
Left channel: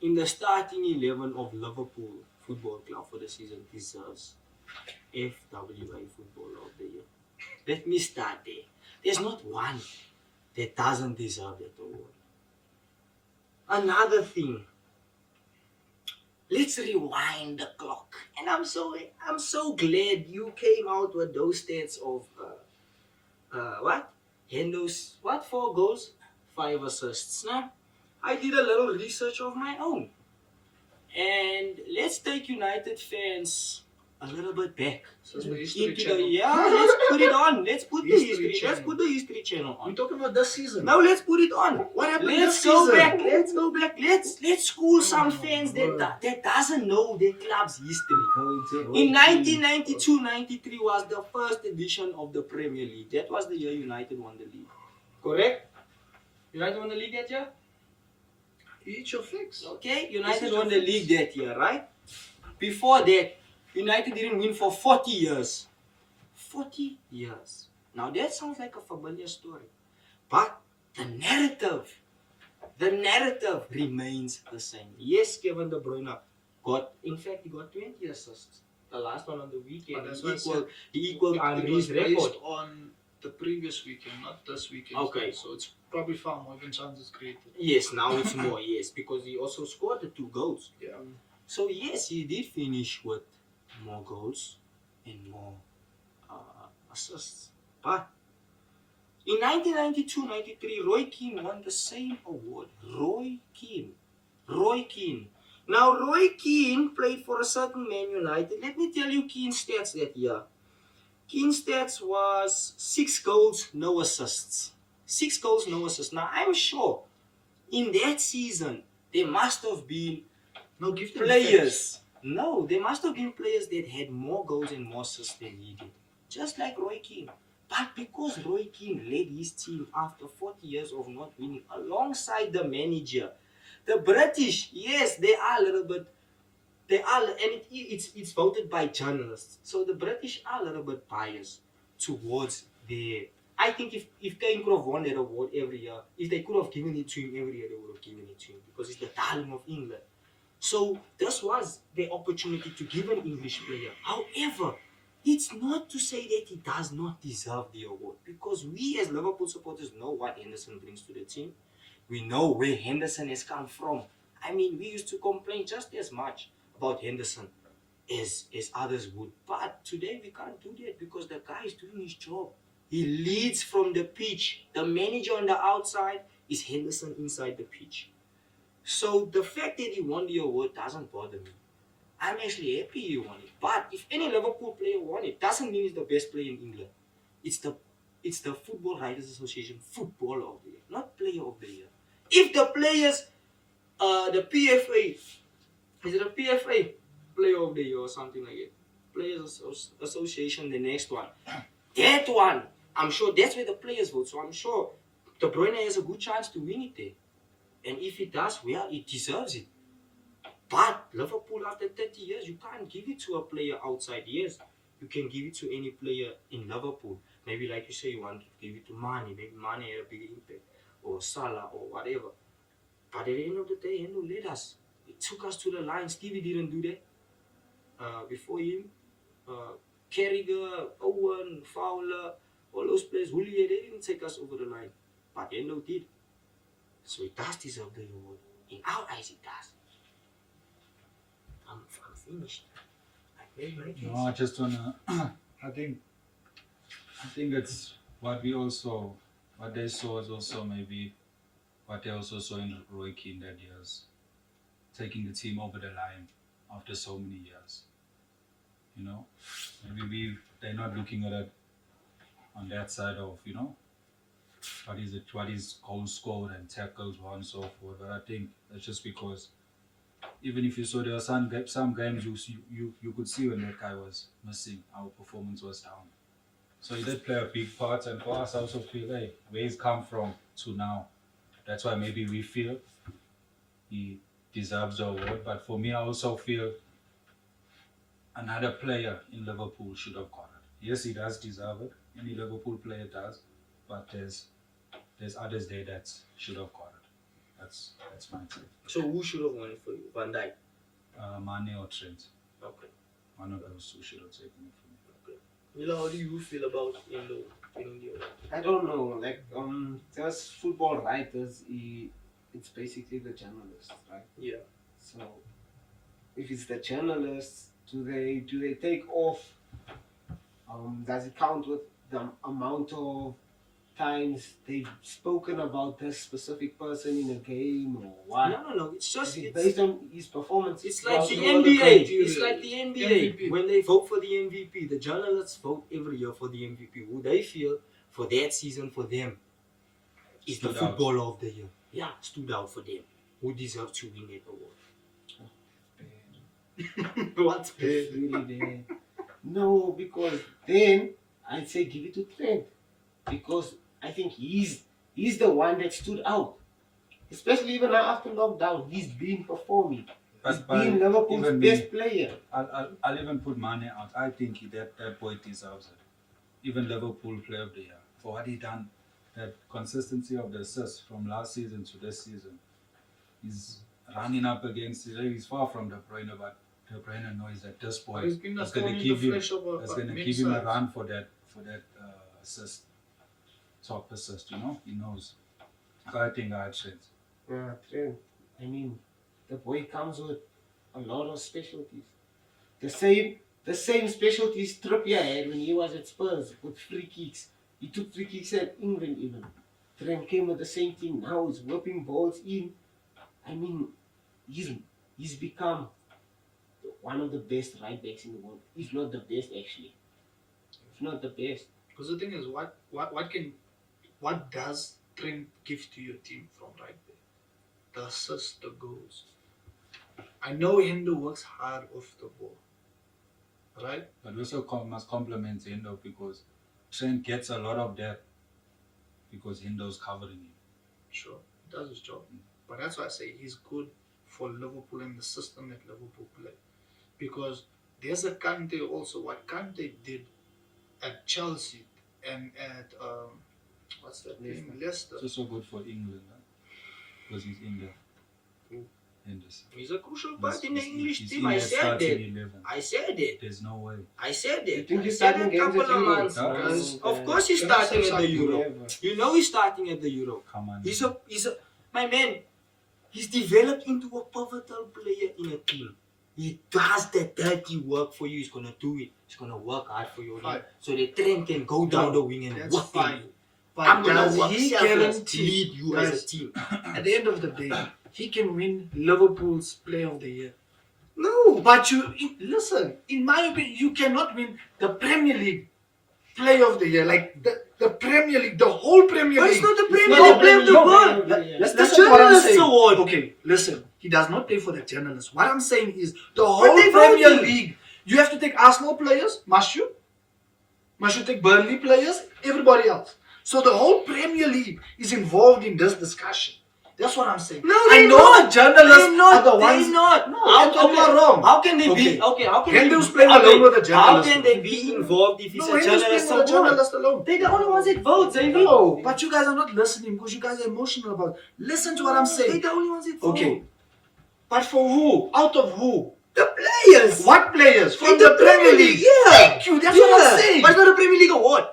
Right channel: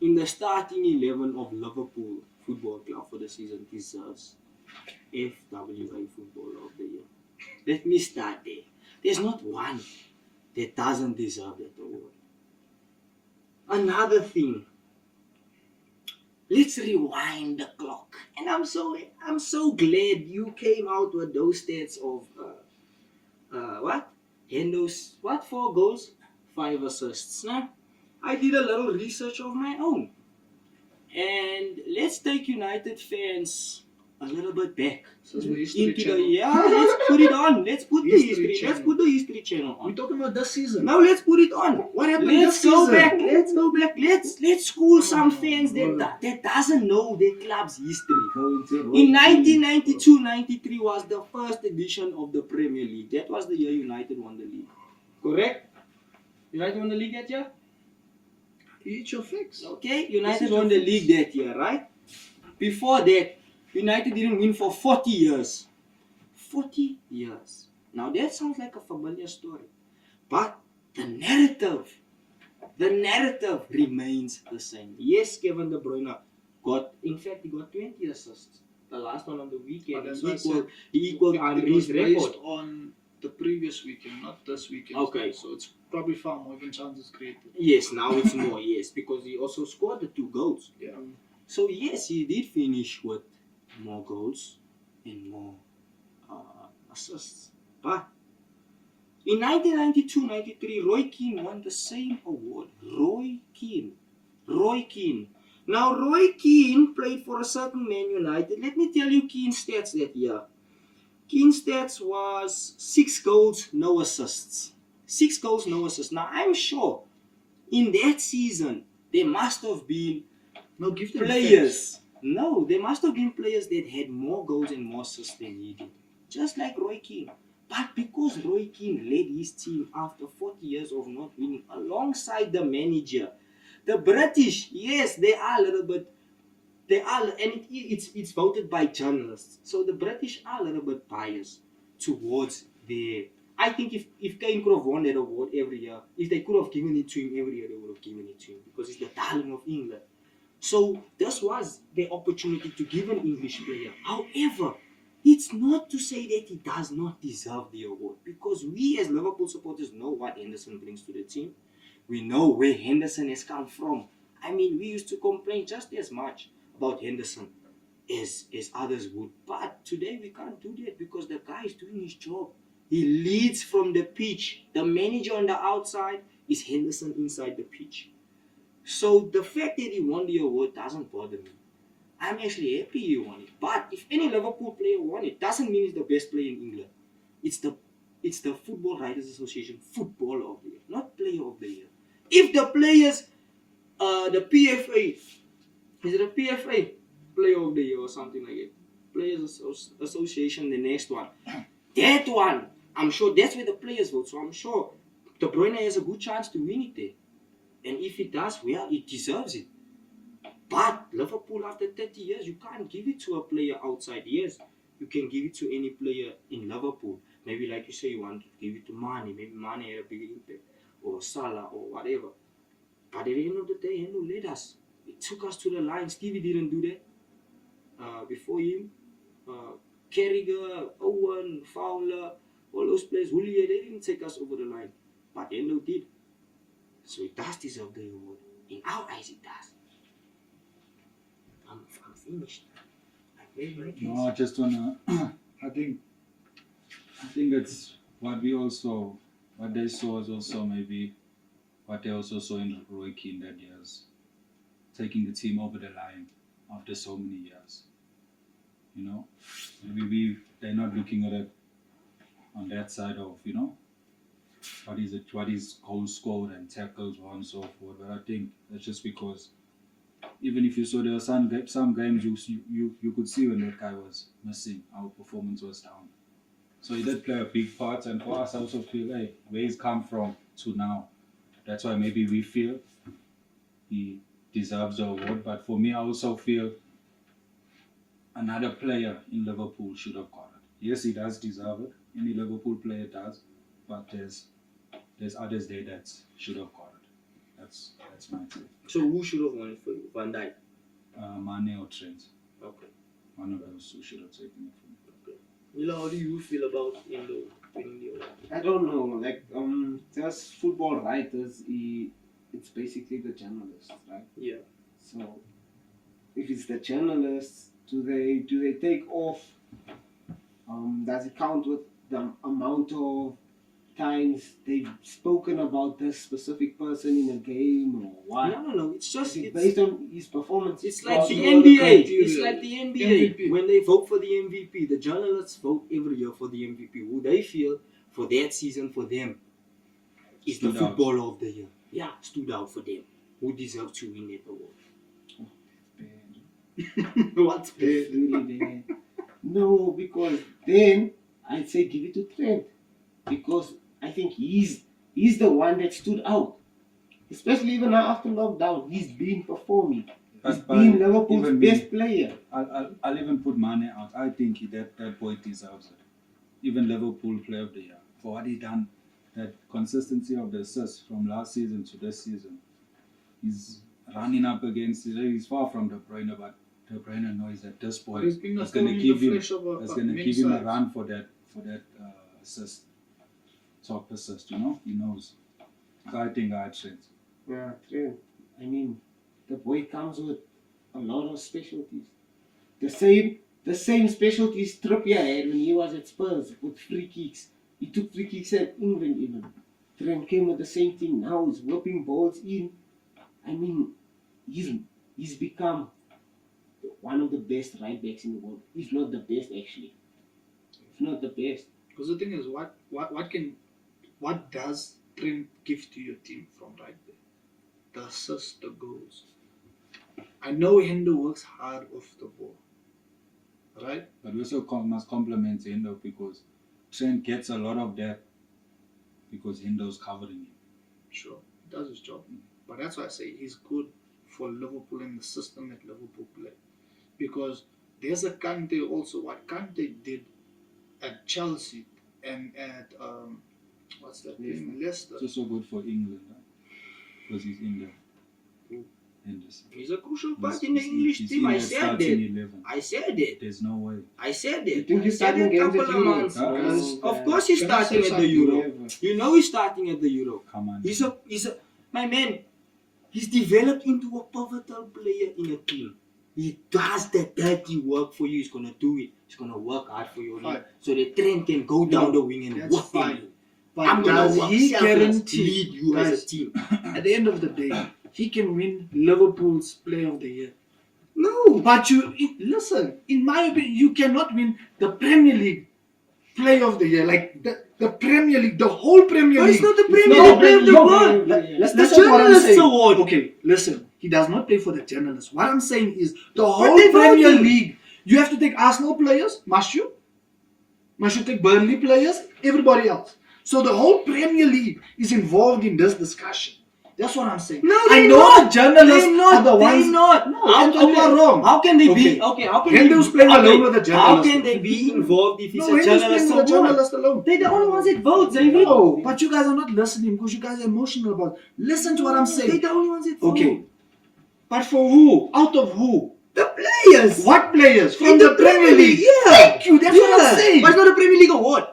in the starting 11 of Liverpool Football Club for the season deserves FWA Footballer of the Year. Let me start there. There's not one that doesn't deserve that award. Another thing. Let's rewind the clock. And I'm so glad you came out with those stats of what? Hendo's what 4 goals, 5 assists. Now, I did a little research of my own. And let's take United fans a little bit back This is the history into channel. let's put it on. Let's put the History history. Let's channel. put the history channel on. We're talking about this season. Now let's put it on. What happened Let's this go season? back. Let's go back. Let's school some fans that doesn't know their club's history. In 1992-93 was the first edition of the Premier League. That was the year United won the league. Correct? United won the league that year? Eat your fix. Okay, United won the league that year, right? Before that, United didn't win for 40 years. 40 years. Now that sounds like a familiar story. But the narrative remains the same. Yes, Kevin De Bruyne he got 20 assists. The last one on the weekend. But He equaled it Henry's was record. based on the previous weekend, not this weekend. Okay. So it's probably far more even chances created. Yes, now it's more, yes, because he also scored the 2 goals. Yeah. So yes, he did finish with more goals and more assists. But in 1992-93, Roy Keane won the same award. Roy Keane. Now Roy Keane played for a certain Man United. Let me tell you Keane's stats that year. Keane's stats was 6 goals, no assists. 6 goals, no assists. Now I'm sure in that season there must have been No, give them players. No, there must have been players that had more goals and more assists than he did. Just like Roy Keane. But because Roy Keane led his team after 40 years of not winning alongside the manager, the British, yes, they are a little bit, and it's voted by journalists. So the British are a little bit biased towards their. I think if Kane could have won that award every year, if they could have given it to him every year, they would have given it to him because he's the darling of England. So this was the opportunity to give an English player. However, it's not to say that he does not deserve the award because we as Liverpool supporters know what Henderson brings to the team. We know where Henderson has come from. I mean, we used to complain just as much about Henderson as others would. But today we can't do that because the guy is doing his job. He leads from the pitch. The manager on the outside is Henderson inside the pitch. So the fact that he won the award doesn't bother me. I'm actually happy he won it. But if any Liverpool player won it, doesn't mean he's the best player in England. It's the Football Writers Association Footballer of the Year, not Player of the Year. If the players, the PFA, is it a PFA Player of the Year or something like it? Players Association, the next one. That one, I'm sure that's where the players vote. So I'm sure De Bruyne has a good chance to win it there. And if he does, well, he deserves it. But Liverpool, after 30 years, you can't give it to a player outside. Yes, you can give it to any player in Liverpool. Maybe like you say, you want to give it to Mane. Maybe Mane had a bigger impact. Or Salah or whatever. But at the end of the day, Hendo led us. It took us to the line. Stevie didn't do that. Before him, Carragher, Owen, Fowler, all those players, Julia, they didn't take us over the line. But Hendo did. So it does deserve the award. In our eyes, it does. I'm finished. I made my case. No, I just wanna. I think it's what they saw is also maybe what they also saw in Roy Keane that years, taking the team over the line after so many years. You know, maybe they're not looking at it on that side of what is goals scored and tackles and so forth. But I think that's just because even if you saw there were some games you could see when that guy was missing, our performance was down. So he did play a big part, and for us I also feel, hey, where he's come from to now. That's why maybe we feel he deserves the award. But for me, I also feel another player in Liverpool should have got it. Yes, he does deserve it. Any Liverpool player does, but there's others there that should have got it. That's my take. So who should have won it for you? Van Dijk? Mane or Trent. Okay. One of those two should have taken it from me. Okay. Mila, how do you feel about Hendo winning the award? I don't know. Like there's football writers. It's basically the journalists, right? Yeah. So if it's the journalists, do they take off? Does it count with the amount of times they've spoken about this specific person in a game or what? No. It's just Is it based on his performance? It's like Also the know the NBA. criteria. It's like the NBA. MVP. When they vote for the MVP, the journalists vote every year for the MVP. Who they feel for that season for them is the Stood out. footballer of the year. Yeah, stood out for them. Who deserves to win that award? What's It's really bad. No, because then I'd say give it to Trent. Because I think he's the one that stood out. Especially even now after lockdown, he's been performing. He's been Liverpool's even best player. I'll even put Mane out. I think that boy deserves it. Even Liverpool Player of the Year for what he done. That consistency of the assists from last season to this season. He's running up against it. He's far from De Bruyne, but De Bruyne knows that this boy But he's been is thrown going to in give the him flesh of a is going to many give him a sides. run for that assist, top assist. You know, he knows. So I think I'd say it. Yeah, Trent. I mean, the boy comes with a lot of specialties. The same specialties Trippier had when he was at Spurs with free kicks. He took free kicks at England even. Trent came with the same thing. Now he's whipping balls in. I mean, he's become one of the best right backs in the world. If not the best, actually. If not the best. Because the thing is, what does Trent give to your team from right there? The assists, the goals. I know Hendo works hard off the ball, right? But we also must compliment Hendo because Trent gets a lot of that because Hendo's covering him. Sure, he does his job. But that's why I say he's good for Liverpool and the system that Liverpool play. Because there's a Kante also. What Kante did at Chelsea and at what's that team? Leicester. It's also good for England because he's in there. Who? Henderson. He's a crucial He's- part in the he's- English he's team. in I that said starting that. 11. I said it. There's no way. I said You it. think I he's said starting it a games at couple of Euro? months. No, Of course he's Can I say starting at the something? Euro. Never. You know he's starting at the Euro. Come on. He's a my man. He's developed into a pivotal player in a team. He does the dirty work for you. He's gonna do it. He's gonna work hard for you. Fine. So the Trent can go down the wing and That's work fine. them. But I'm gonna does work he selfless, guarantee lead you as a guys, team. at the end of the day, he can win Liverpool's Player of the Year? No. But listen, in my opinion, you cannot win the Premier League Player of the Year. Like the Premier League, the whole Premier But League. it's not the It's Premier not League, the play of the Premier world. League. That's the Listen to what I'm journalists saying. award. Okay, listen. He does not play for the journalists. What I'm saying is the But whole they Premier voted. League. You have to take Arsenal players, must you? Must you take Burnley players? Everybody else. So the whole Premier League is involved in this discussion. That's what I'm saying. No, I they're know not. the journalists They're not. are the ones. They're not. No, Anthony, you are wrong. How can they be? Okay. Okay, how can Henderson they playing okay, alone with the How journalists. can they be involved if it's No, a Henderson journalist playing with the award? journalists alone. They're the only ones that vote, Xavier. No, but you guys are not listening because you guys are emotional about it. Listen to what I'm They're saying. the only ones that vote. Okay. But for who? Out of who? The players. What players? From In the Premier League. Yeah. Thank you. That's what I'm saying. But it's not a Premier League award.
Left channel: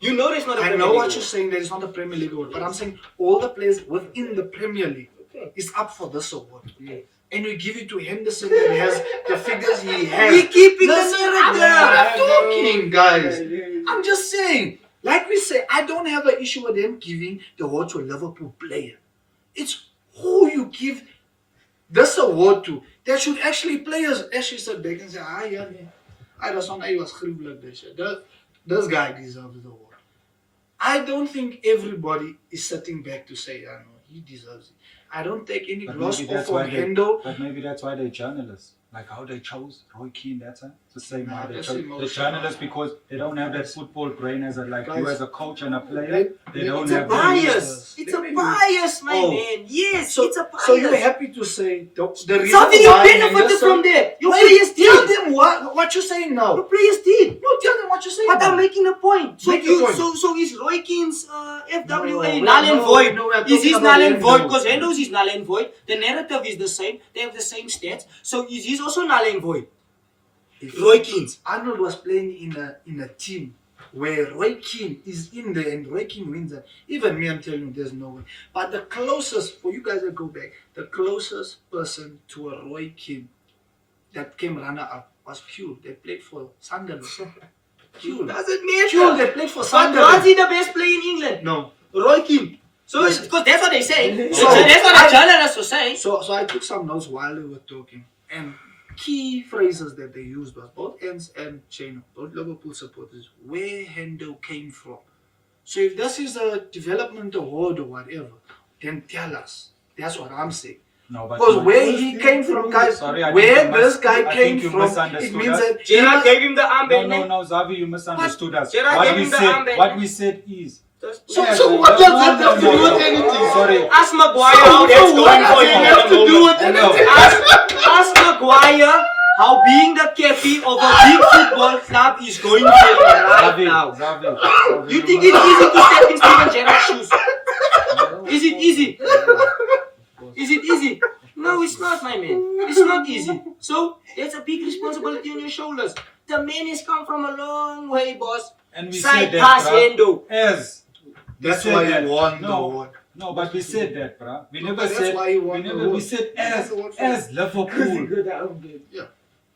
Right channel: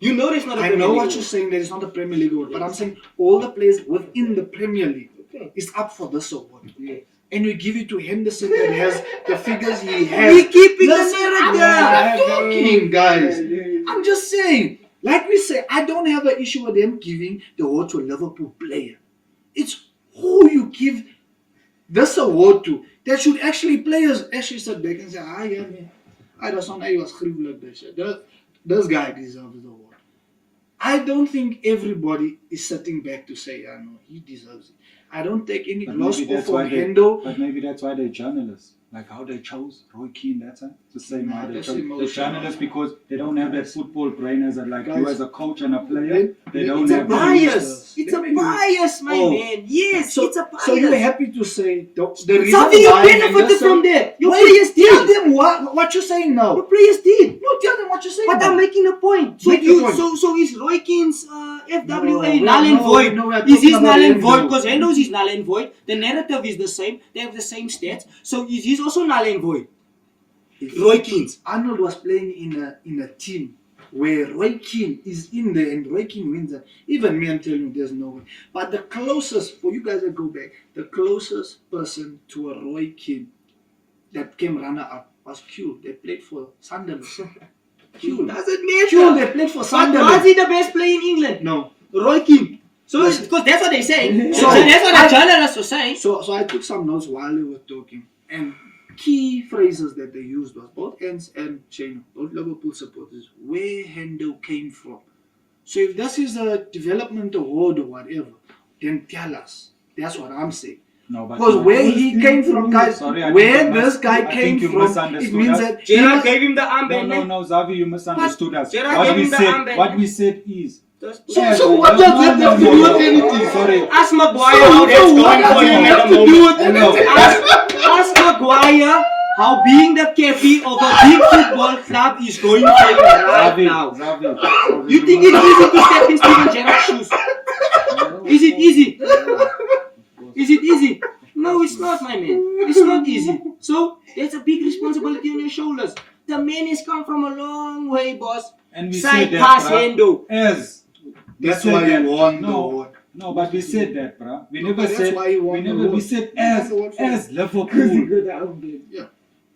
You know there's not a I Premier know League what award. you're saying. That it's not a Premier League award, but I'm saying all the players within the Premier League Okay. is up for this award. Okay. And you give it to Henderson that has the figures he has. We keeping the Listen, I'm narrative. not talking, guys. I'm just saying, like we say, I don't have an issue with them giving the award to a Liverpool player. It's who you give this award to. That should actually players actually sit back and say, yeah, man. I just want I was like this. This guy deserves the award. I don't think everybody is sitting back to say, I know, he deserves it. I don't take any But gloss maybe off that's of why they- Hendo. But maybe that's why they're journalists. Like how they chose Roy Keane that time. It's the same Nah, why they that's chose the emotional. journalists because they don't have that football brain as a like you Guys, as a coach and a player. They don't it's a have that. Bias. It's a Let me- bias, my Oh. man. Yes, So, it's a bias. so you're happy to say the reason Something you why benefited Henderson- from there. Your Wait, players tell did. them what you're saying now. Your players did. No, tell them what you're saying. But now. I'm making a point. So Make the you, point. so is Roy Keane's FWA No, null and no, void? no, we are Is his talking null about and void? Hendo. Because Hendo's is null and void. The narrative is the same. They have the same stats. So is his also null and void? Roy Keane's. Arnold was playing in a team where Roy Keane is in there and Roy Keane wins it. Even me, I'm telling you, there's no way. But the closest, for you guys that go back, the closest person to a Roy Keane that came runner-up was Q. They played for Sunderland. Q. Doesn't Q, matter. they played for But was Sunderland. he the best player in England? No. Roy Keane. So Yes. because that's what they say. So, So that's what I- the journalists were saying. So I took some notes while we were talking, and key phrases that they used was both Ends and Chino, both Liverpool supporters, where Hendo came from. So if this is a development award or whatever, then tell us. That's what I'm saying. No, but Because where he came from, guys, Sorry, I where think you this mis- guy I came think you from, it misunderstood means us. that Gerard gave him the No, armband. no, man. no, Xavi, you misunderstood us. Gerard What gave we him the said, armband, what man. we said is. So what does that have to do with anything? Sorry. Ask Maguire how that's So what going does for him that at have the to do moment. with anything? Ask Maguire how being the captain of a big football club is going for him right Xavi, now. Xavi. You think it's easy to step in Steven Gerrard's shoes? Is it easy? Is it easy? No, it's not, my man. It's not easy. So that's a big responsibility on your shoulders. The man has come from a long way, boss. And we Side said pass, that, bruh, Hendo. as That's we why said he that. won the No, award. no, but we said that, bruh. We No, never but that's said. why he We won the never. We award. said That's the award for as him. Liverpool. Yeah.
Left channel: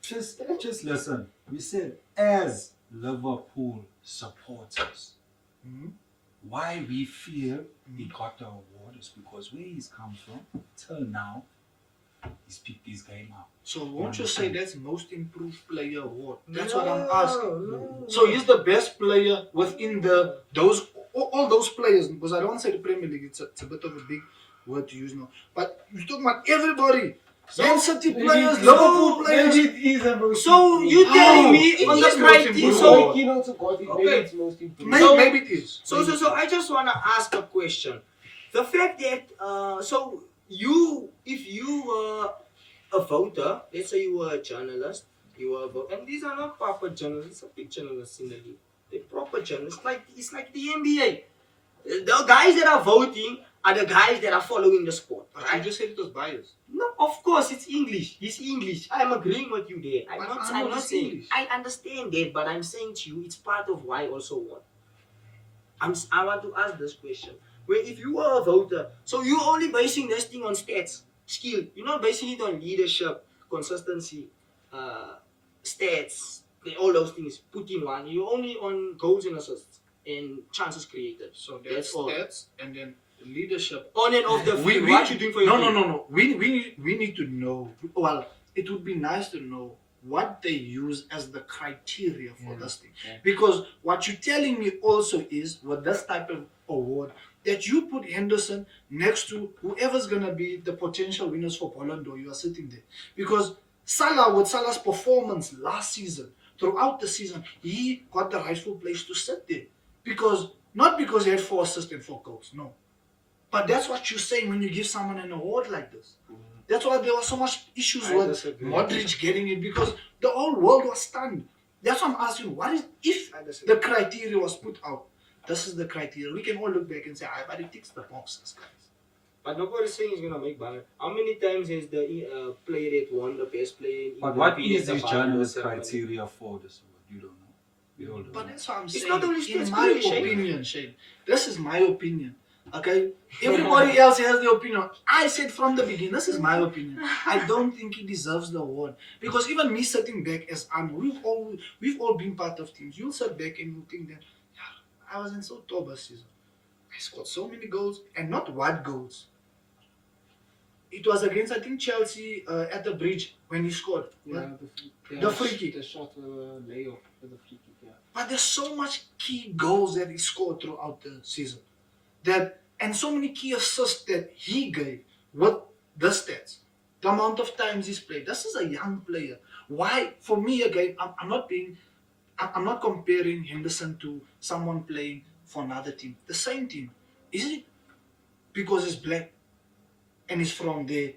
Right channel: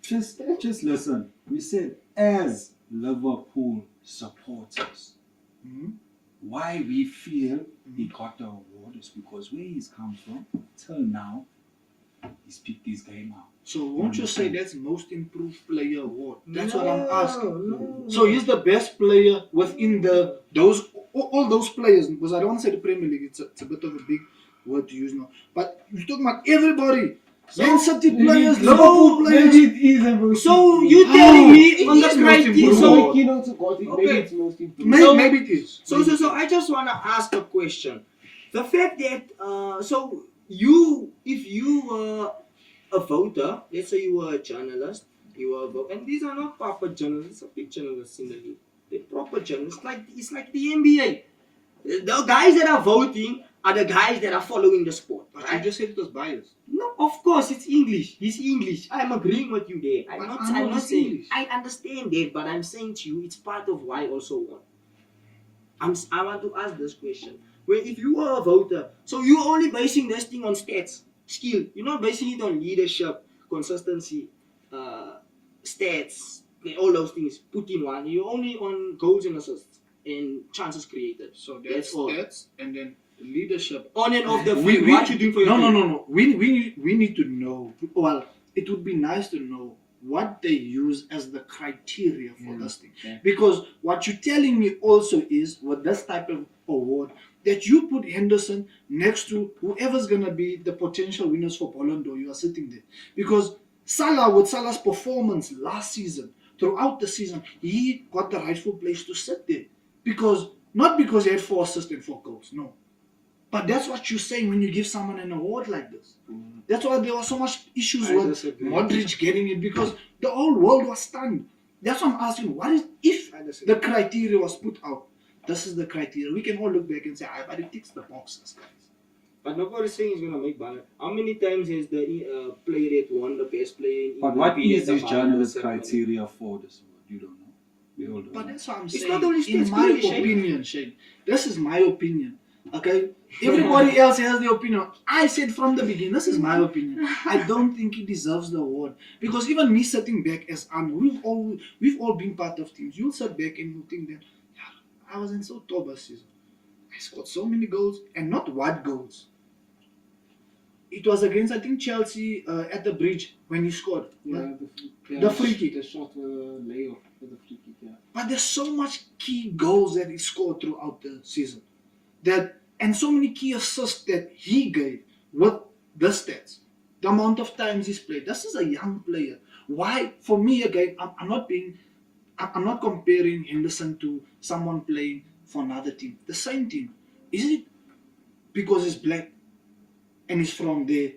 Just listen. We said as Liverpool supporters. Mhm. Why we feel he got the award is because where he's come from till now, he's picked this game out. So won't you say that's most improved player award? That's what I'm No, asking. no. So he's the best player within all those players, because I don't want to say the Premier League, it's a bit of a big word to use now. But you're talking about everybody. Man City players, Liverpool players. So you telling me it on the is most criteria? improved. So Maybe it's most important. Maybe it is. So I just wanna ask a question. The fact that so you, if you were a voter, let's say you were a journalist, you were a voter, and these are not proper journalists, are big journalists in the league. They're proper journalists, it's like the NBA. The guys that are voting are the guys that are following the sport. I Right? just said it was biased. No, of course it's English. He's English. I'm agreeing with you there. I know I'm not it's saying. English. I understand that, but I'm saying to you, it's part of why I also won. I want to ask this question: where if you are a voter, so you're only basing this thing on stats, skill. You're not basing it on leadership, consistency, stats, all those things put in one. You're only on goals and assists and chances created. So That's that's all. stats, and then leadership. On and off the We- field, we- what you doing for your team? No. We need to know. Well, it would be nice to know what they use as the criteria for this thing. Yeah. Because what you're telling me also is with this type of award that you put Henderson next to whoever's gonna be the potential winners for Ballon d'Or. You are sitting there because Salah, with Salah's performance last season, throughout the season, he got the rightful place to sit there. Because not because he had 4 assists and 4 goals, no. But that's what you're saying when you give someone an award like this. That's why there was so much issues I with disagree. Modric getting it because the whole world was stunned. That's why I'm asking, what is if I disagree. the criteria was put out? This is the criteria. We can all look back and say, but it ticks the boxes, guys. But nobody's saying he's gonna make Ballon. How many times has the player that won the best player in But England what been is at the this Ballon d'Or journalist ceremony? criteria for this? You don't know. We all don't But know. that's what I'm It's saying. not only In stats, my really, Shane. opinion, Shane. This is my opinion. Okay? Everybody else has their opinion. I said from the beginning, this is my opinion. I don't think he deserves the award. Because even me sitting back as we've all been part of teams. You'll sit back and you'll think that, yeah, I wasn't so top this season. I scored so many goals, and not what goals. It was against, I think, Chelsea at the bridge when he scored. Yeah, The free kick. The shot layoff for the free kick, yeah. But there's so much key goals that he scored throughout the season, and so many key assists that he gave with the stats, the amount of times he's played. This is a young player. Why? For me, again, I'm not comparing Henderson to someone playing for another team. The same team. Is it because he's black and he's from there,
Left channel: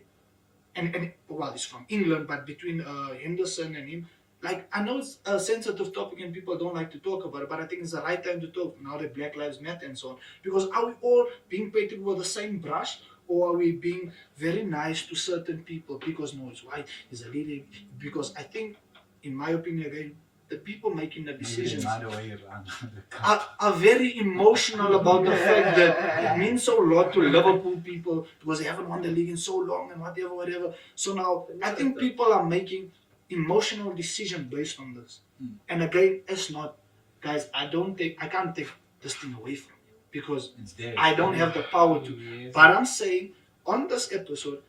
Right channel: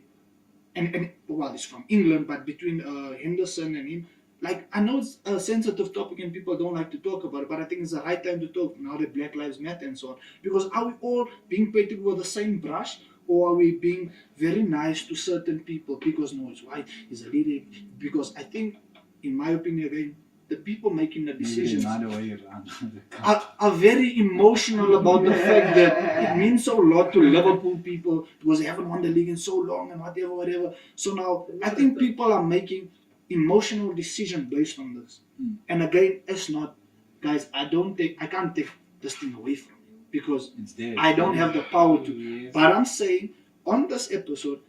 and well, he's from England, but between Henderson and him. Like, I know it's a sensitive topic and people don't like to talk about it, but I think it's the right time to talk now that Black Lives Matter and so on. Because are we all being painted with the same brush, or are we being very nice to certain people because no, it's white, he's a leader? Because I think, in my opinion, again, the people making the decisions Maybe another way around. are very emotional about the fact that it means so a lot to Liverpool people because they haven't won the league in so long and whatever. So now I think people are making emotional decision based on this. And again, it's not, guys, I can't take this thing away from you because It's there. I don't have the power to. Yes. But I'm saying on this episode,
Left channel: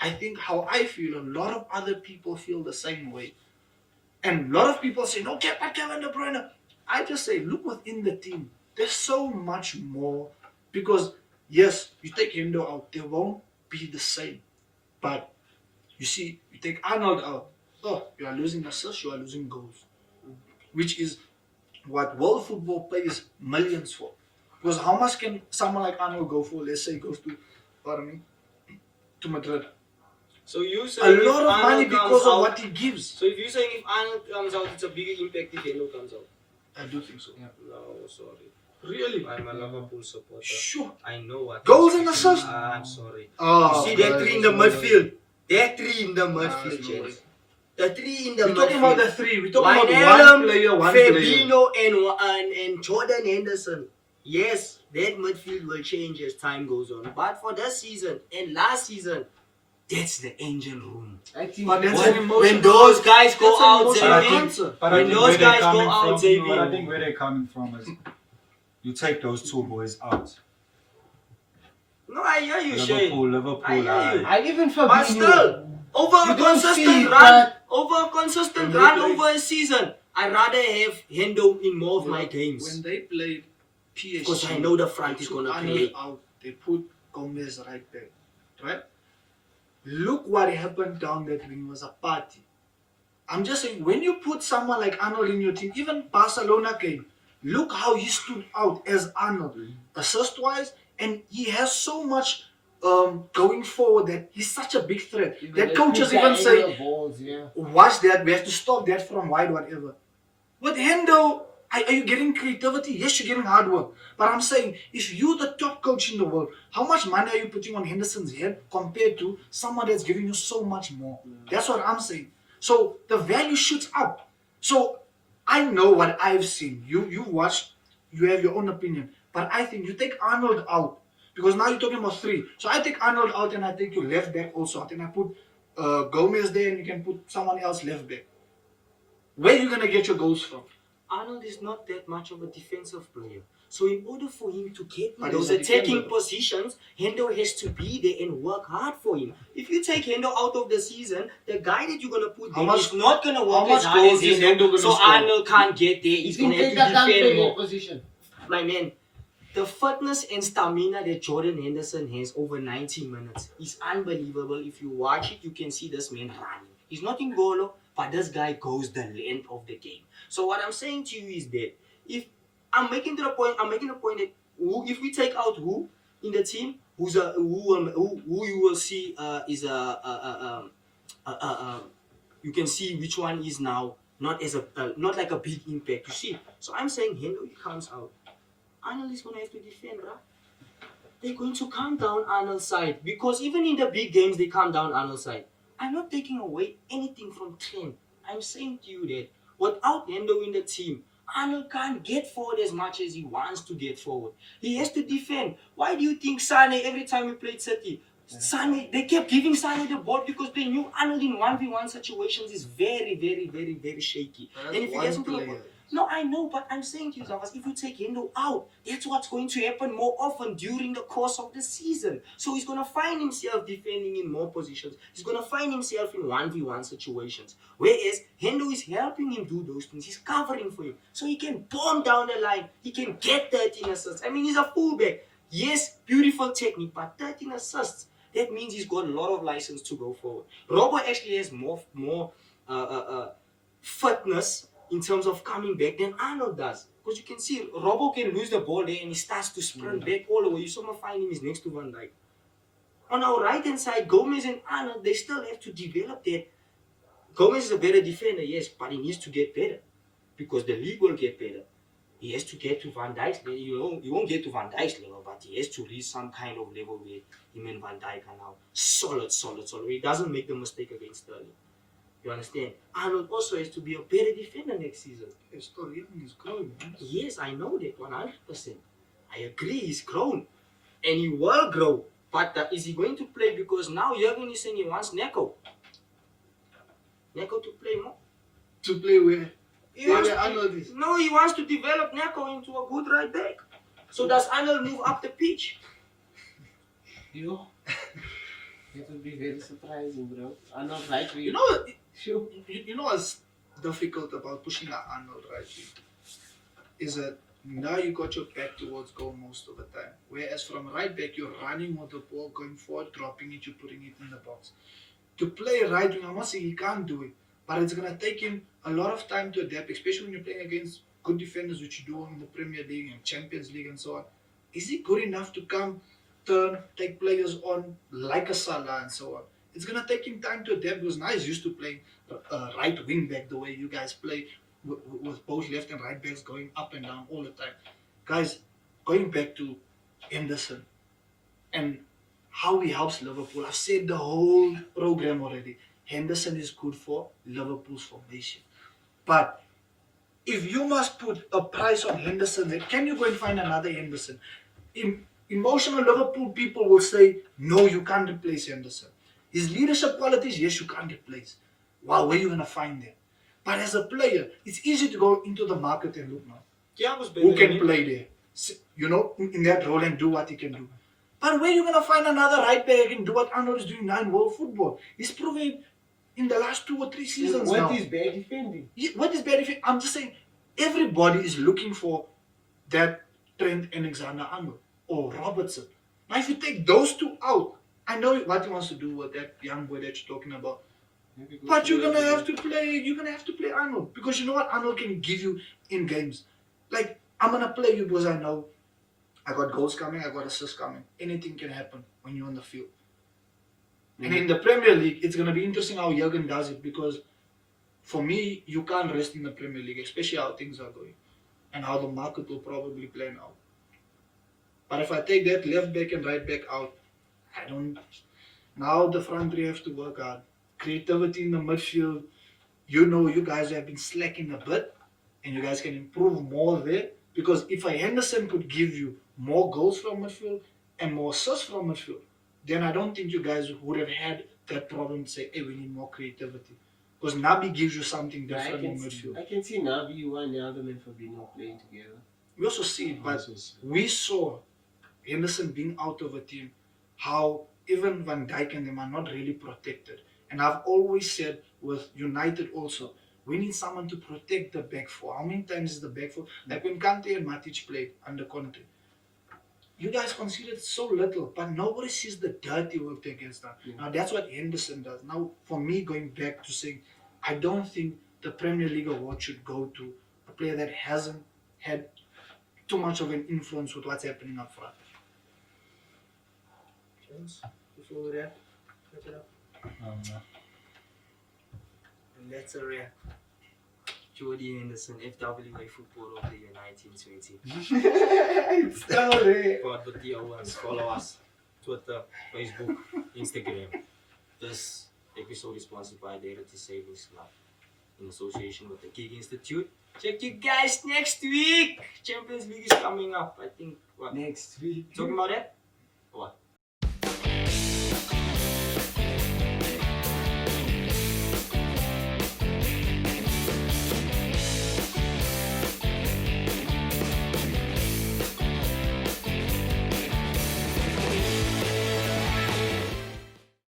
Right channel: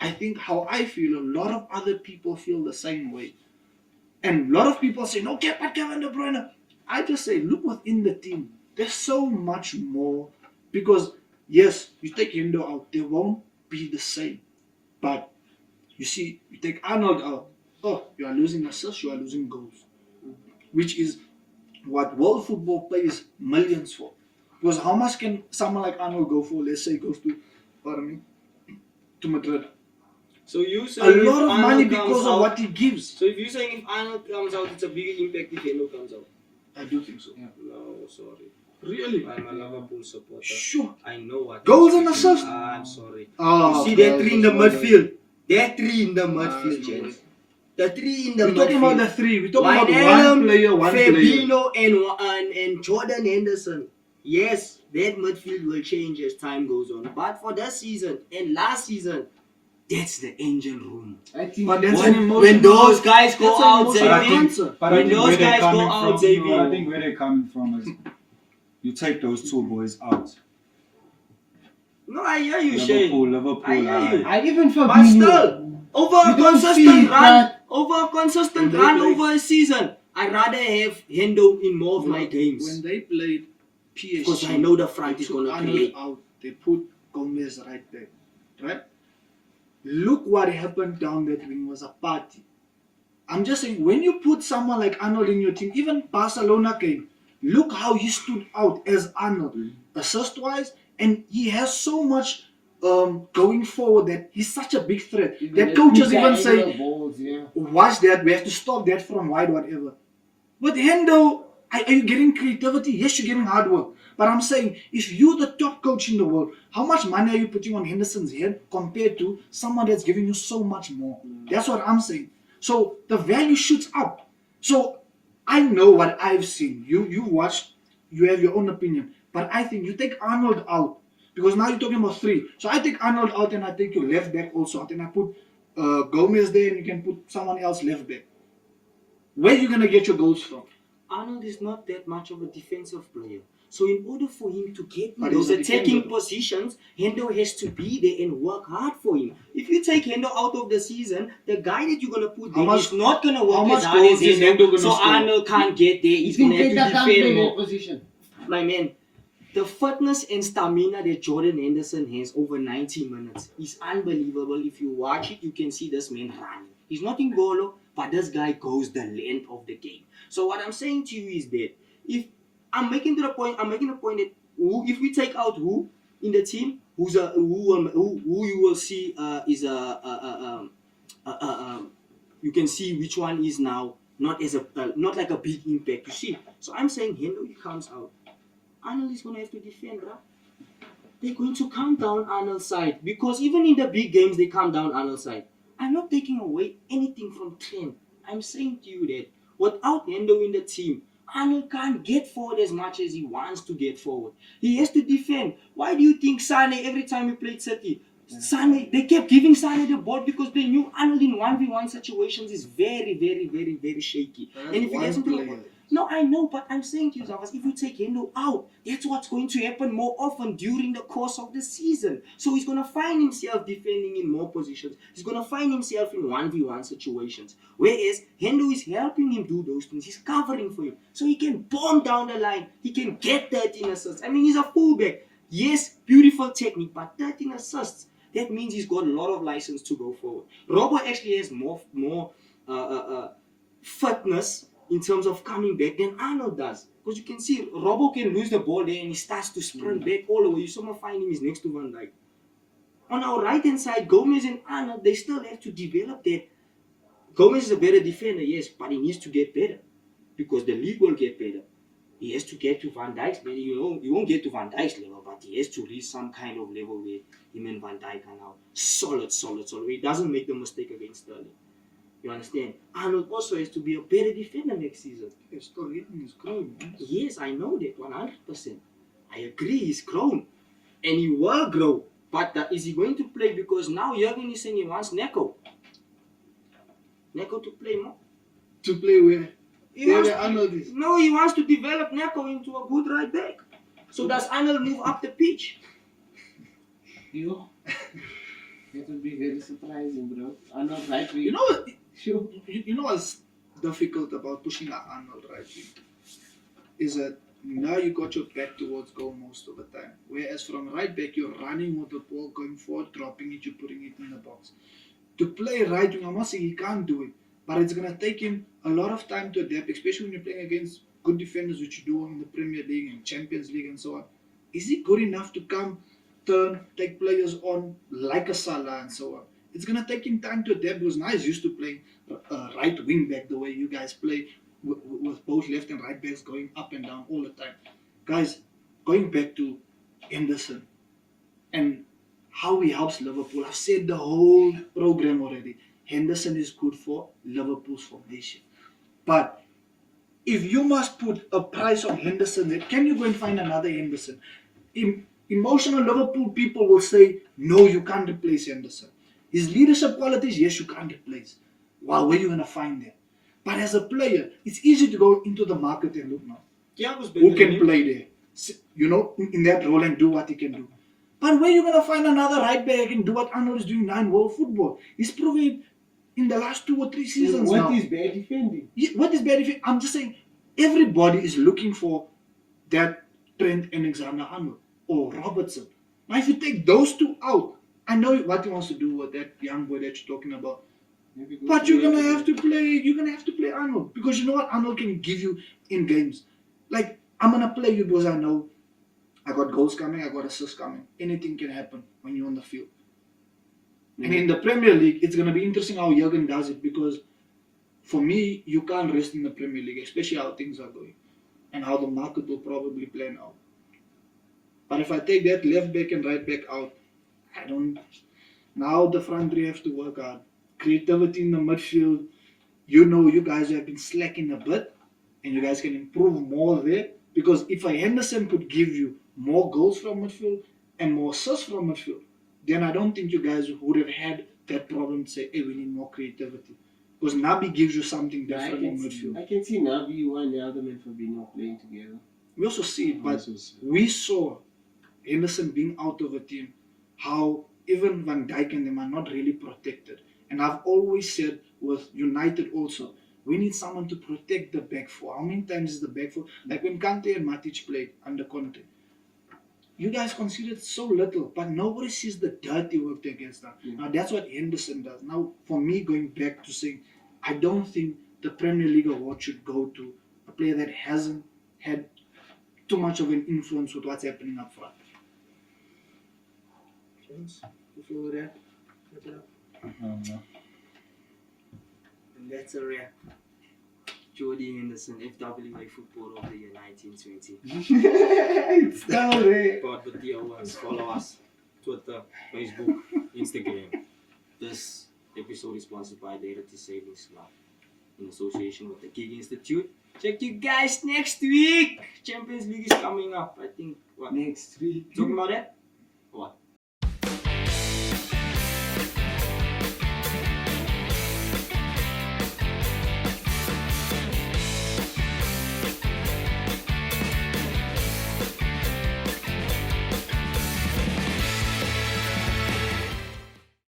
I think how I feel, a lot of other people feel the same way. And a lot of people say, no, but Kevin De Bruyne. I just say, look within the team. There's so much more. Because, yes, you take Hendo out, they won't be the same. But, you see, you take Arnold out, you are losing assists, you are losing goals. Which is what world football pays millions for. Because how much can someone like Arnold go for? Let's say he goes to Madrid. So you A saying if lot of money Arnold because comes of out, what he gives. So if you're saying if Arnold comes out, it's a bigger impact if Hendo comes out. I do think so. No, sorry. Really? I'm a Liverpool supporter. Sure. I know what. Goals you're and speaking. assists. I'm sorry. Oh, You see that guys, three in the it's no way. midfield. That three in the Nah, midfield, it's no way. gents. The three in the We're talking about the midfield. three. We're talking about Wijnaldum, one player, one player. Fabinho and Jordan Henderson. Yes, that midfield will change as time goes on. But for this season and last season, that's the engine room. I think But that's When- an emotional. when those guys go that's an out, emotional I think- answer. But When I think those where they're guys go coming out, from, Xavier. but I think where they're coming from is you take those two boys out. No, I hear you, Shane. Liverpool. I hear you. I even But Fabinho. still, over a You don't consistent see run, that. over a consistent When they run play- over a season, I'd rather have Hendo in more of my When games. they played PSG, Because I know the front they is took gonna Arnold play. out. They put Gomez right back. Right? Look what happened down that wing. It was a party. I'm just saying, when you put someone like Arnold in your team, even Barcelona came, look how he stood out as Arnold, assist-wise, and he has so much going forward that he's such a big threat. That coaches even say, balls, yeah. watch that, we have to stop that from wide, whatever. With Hendo, are you getting creativity? Yes, you're getting hard work. But I'm saying, if you're the top coach in the world, how much money are you putting on Henderson's head compared to someone that's giving you so much more? That's what I'm saying. So the value shoots up. So I know what I've seen. You watched, you have your own opinion. But I think you take Arnold out because now you're talking about 3. So I take Arnold out and I take your left back also out and I put Gomez there and you can put someone else left back. Where are you gonna get your goals from? Arnold is not that much of a defensive player. So in order for him to get in But those he's a attacking defender. positions, Hendo has to be there and work hard for him. If you take Hendo out of the season, the guy that you're going to put How there much- is not going to how work much as hard as goals is Hendo, Hendo gonna so score? Arnold can't get there. He's You going to think have to that can't play defend that more. position? My man, the fitness and stamina that Jordan Henderson has over 90 minutes is unbelievable. If you watch it, you can see this man running. He's not in goal, but this guy goes the length of the game. So what I'm saying to you is that if I'm making the point that if we take out who in the team, who you will see is you can see which one is now not as a not like a big impact. You see, so I'm saying Hendo he comes out. Arnold is gonna have to defend, bro. They're going to calm down Arnold's side because even in the big games they calm down Arnold's side. I'm not taking away anything from Trent. I'm saying to you that without Hendo in the team, Arnold can't get forward as much as he wants to get forward. He has to defend. Why do you think Sane every time he played City? Sane, they kept giving Sane the ball because they knew Arnold in 1v1 situations is very, very, very, very shaky. That's And if he one gets into the player. no, I know, but I'm saying to you, Zavas, if you take Hendo out, that's what's going to happen more often during the course of the season. So he's going to find himself defending in more positions. He's going to find himself in 1v1 situations. Whereas Hendo is helping him do those things. He's covering for him. So he can bomb down the line. He can get 13 assists. I mean, he's a fullback. Yes, beautiful technique, but 13 assists. That means he's got a lot of license to go forward. Robo actually has more fitness in terms of coming back than Arnold does. Because you can see Robo can lose the ball there and he starts to sprint back all over. You somehow find him is next to Van Dijk. On our right hand side, Gomez and Arnold, they still have to develop that. Gomez is a better defender, yes, but he needs to get better. Because the league will get better. He has to get to Van Dijk's level. He won't get to Van Dijk's level, but he has to reach some kind of level where him and Van Dijk are now solid. He doesn't make the mistake against Sterling. You understand? Arnold also has to be a better defender next season. He's still hitting his growing. Yes, I know that 100%. I agree, he's grown. And he will grow. But is he going to play? Because now Jurgen is saying he wants Neko. Neko to play more. To play where? He Where wants the Arnold is. No, he wants to develop Neko into a good right back. So does Arnold move up the pitch? You? That would be very surprising, bro. Arnold right wing. You know, Sure. you know what's difficult about pushing an Arnold right wing? Is that now you got your back towards goal most of the time. Whereas from right back, you're running with the ball, going forward, dropping it, you're putting it in the box. To play right wing, I'm not saying he can't do it, but it's going to take him a lot of time to adapt, especially when you're playing against good defenders, which you do in the Premier League and Champions League and so on. Is he good enough to come, turn, take players on like a Salah and so on? It's going to take him time to adapt because now he's used to playing right wing back the way you guys play with both left and right backs going up and down all the time. Guys, going back to Henderson and how he helps Liverpool. I've said the whole program already. Henderson is good for Liverpool's formation. But if you must put a price on Henderson, then can you go and find another Henderson? Emotional Liverpool people will say, no, you can't replace Henderson. His leadership qualities, yes, you can't replace. Wow, where are you going to find them? But as a player, it's easy to go into the market and look now. Thiago's better Who than can him. play there? You know, in that role and do what he can do. But where are you going to find another right back and do what Arnold is doing now in world football? He's proven in the last 2 or 3 seasons now. What is bad defending? Yeah, what is bad defending? I'm just saying, everybody is looking for that Trent Alexander-Arnold or Robertson. Now, if you take those two out, I know what he wants to do with that young boy that you're talking about. But you're gonna have to play Arnold because you know what Arnold can give you in games. Like I'm gonna play you because I know I got goals coming, I got assists coming. Anything can happen when you're on the field. And in the Premier League, it's gonna be interesting how Jurgen does it because for me, you can't rest in the Premier League, especially how things are going and how the market will probably plan out. But if I take that left back and right back out, I don't. Now the front three have to work hard. Creativity in the midfield. You know, you guys have been slacking a bit, and you guys can improve more there. Because if a Henderson could give you more goals from midfield and more assists from midfield, then I don't think you guys would have had that problem to say, hey, we need more creativity. Because Nabi gives you something Yeah, different in midfield. I can see Nabi and the other men for being not playing together. We also see it, but we saw Henderson being out of a team, how even Van Dijk and them are not really protected. And I've always said with United also, we need someone to protect the back four. How many times is the back four? Like when Kante and Matic played under Conte, you guys considered so little, but nobody sees the dirty work that gets done. Yeah. Now that's what Henderson does. Now, for me, going back to saying, I don't think the Premier League award should go to a player that hasn't had too much of an influence with what's happening up front. James, before we wrap it up. And that's a wrap. Jordy Henderson, FWA Football of the Year 1920. Story. Pod with the Owens. Follow us. Twitter, Facebook, Instagram. This episode is sponsored by the Heritage Savings Club in association with the Gig Institute. Check you guys next week. Champions League is coming up. I think what? Next week. Talking about that?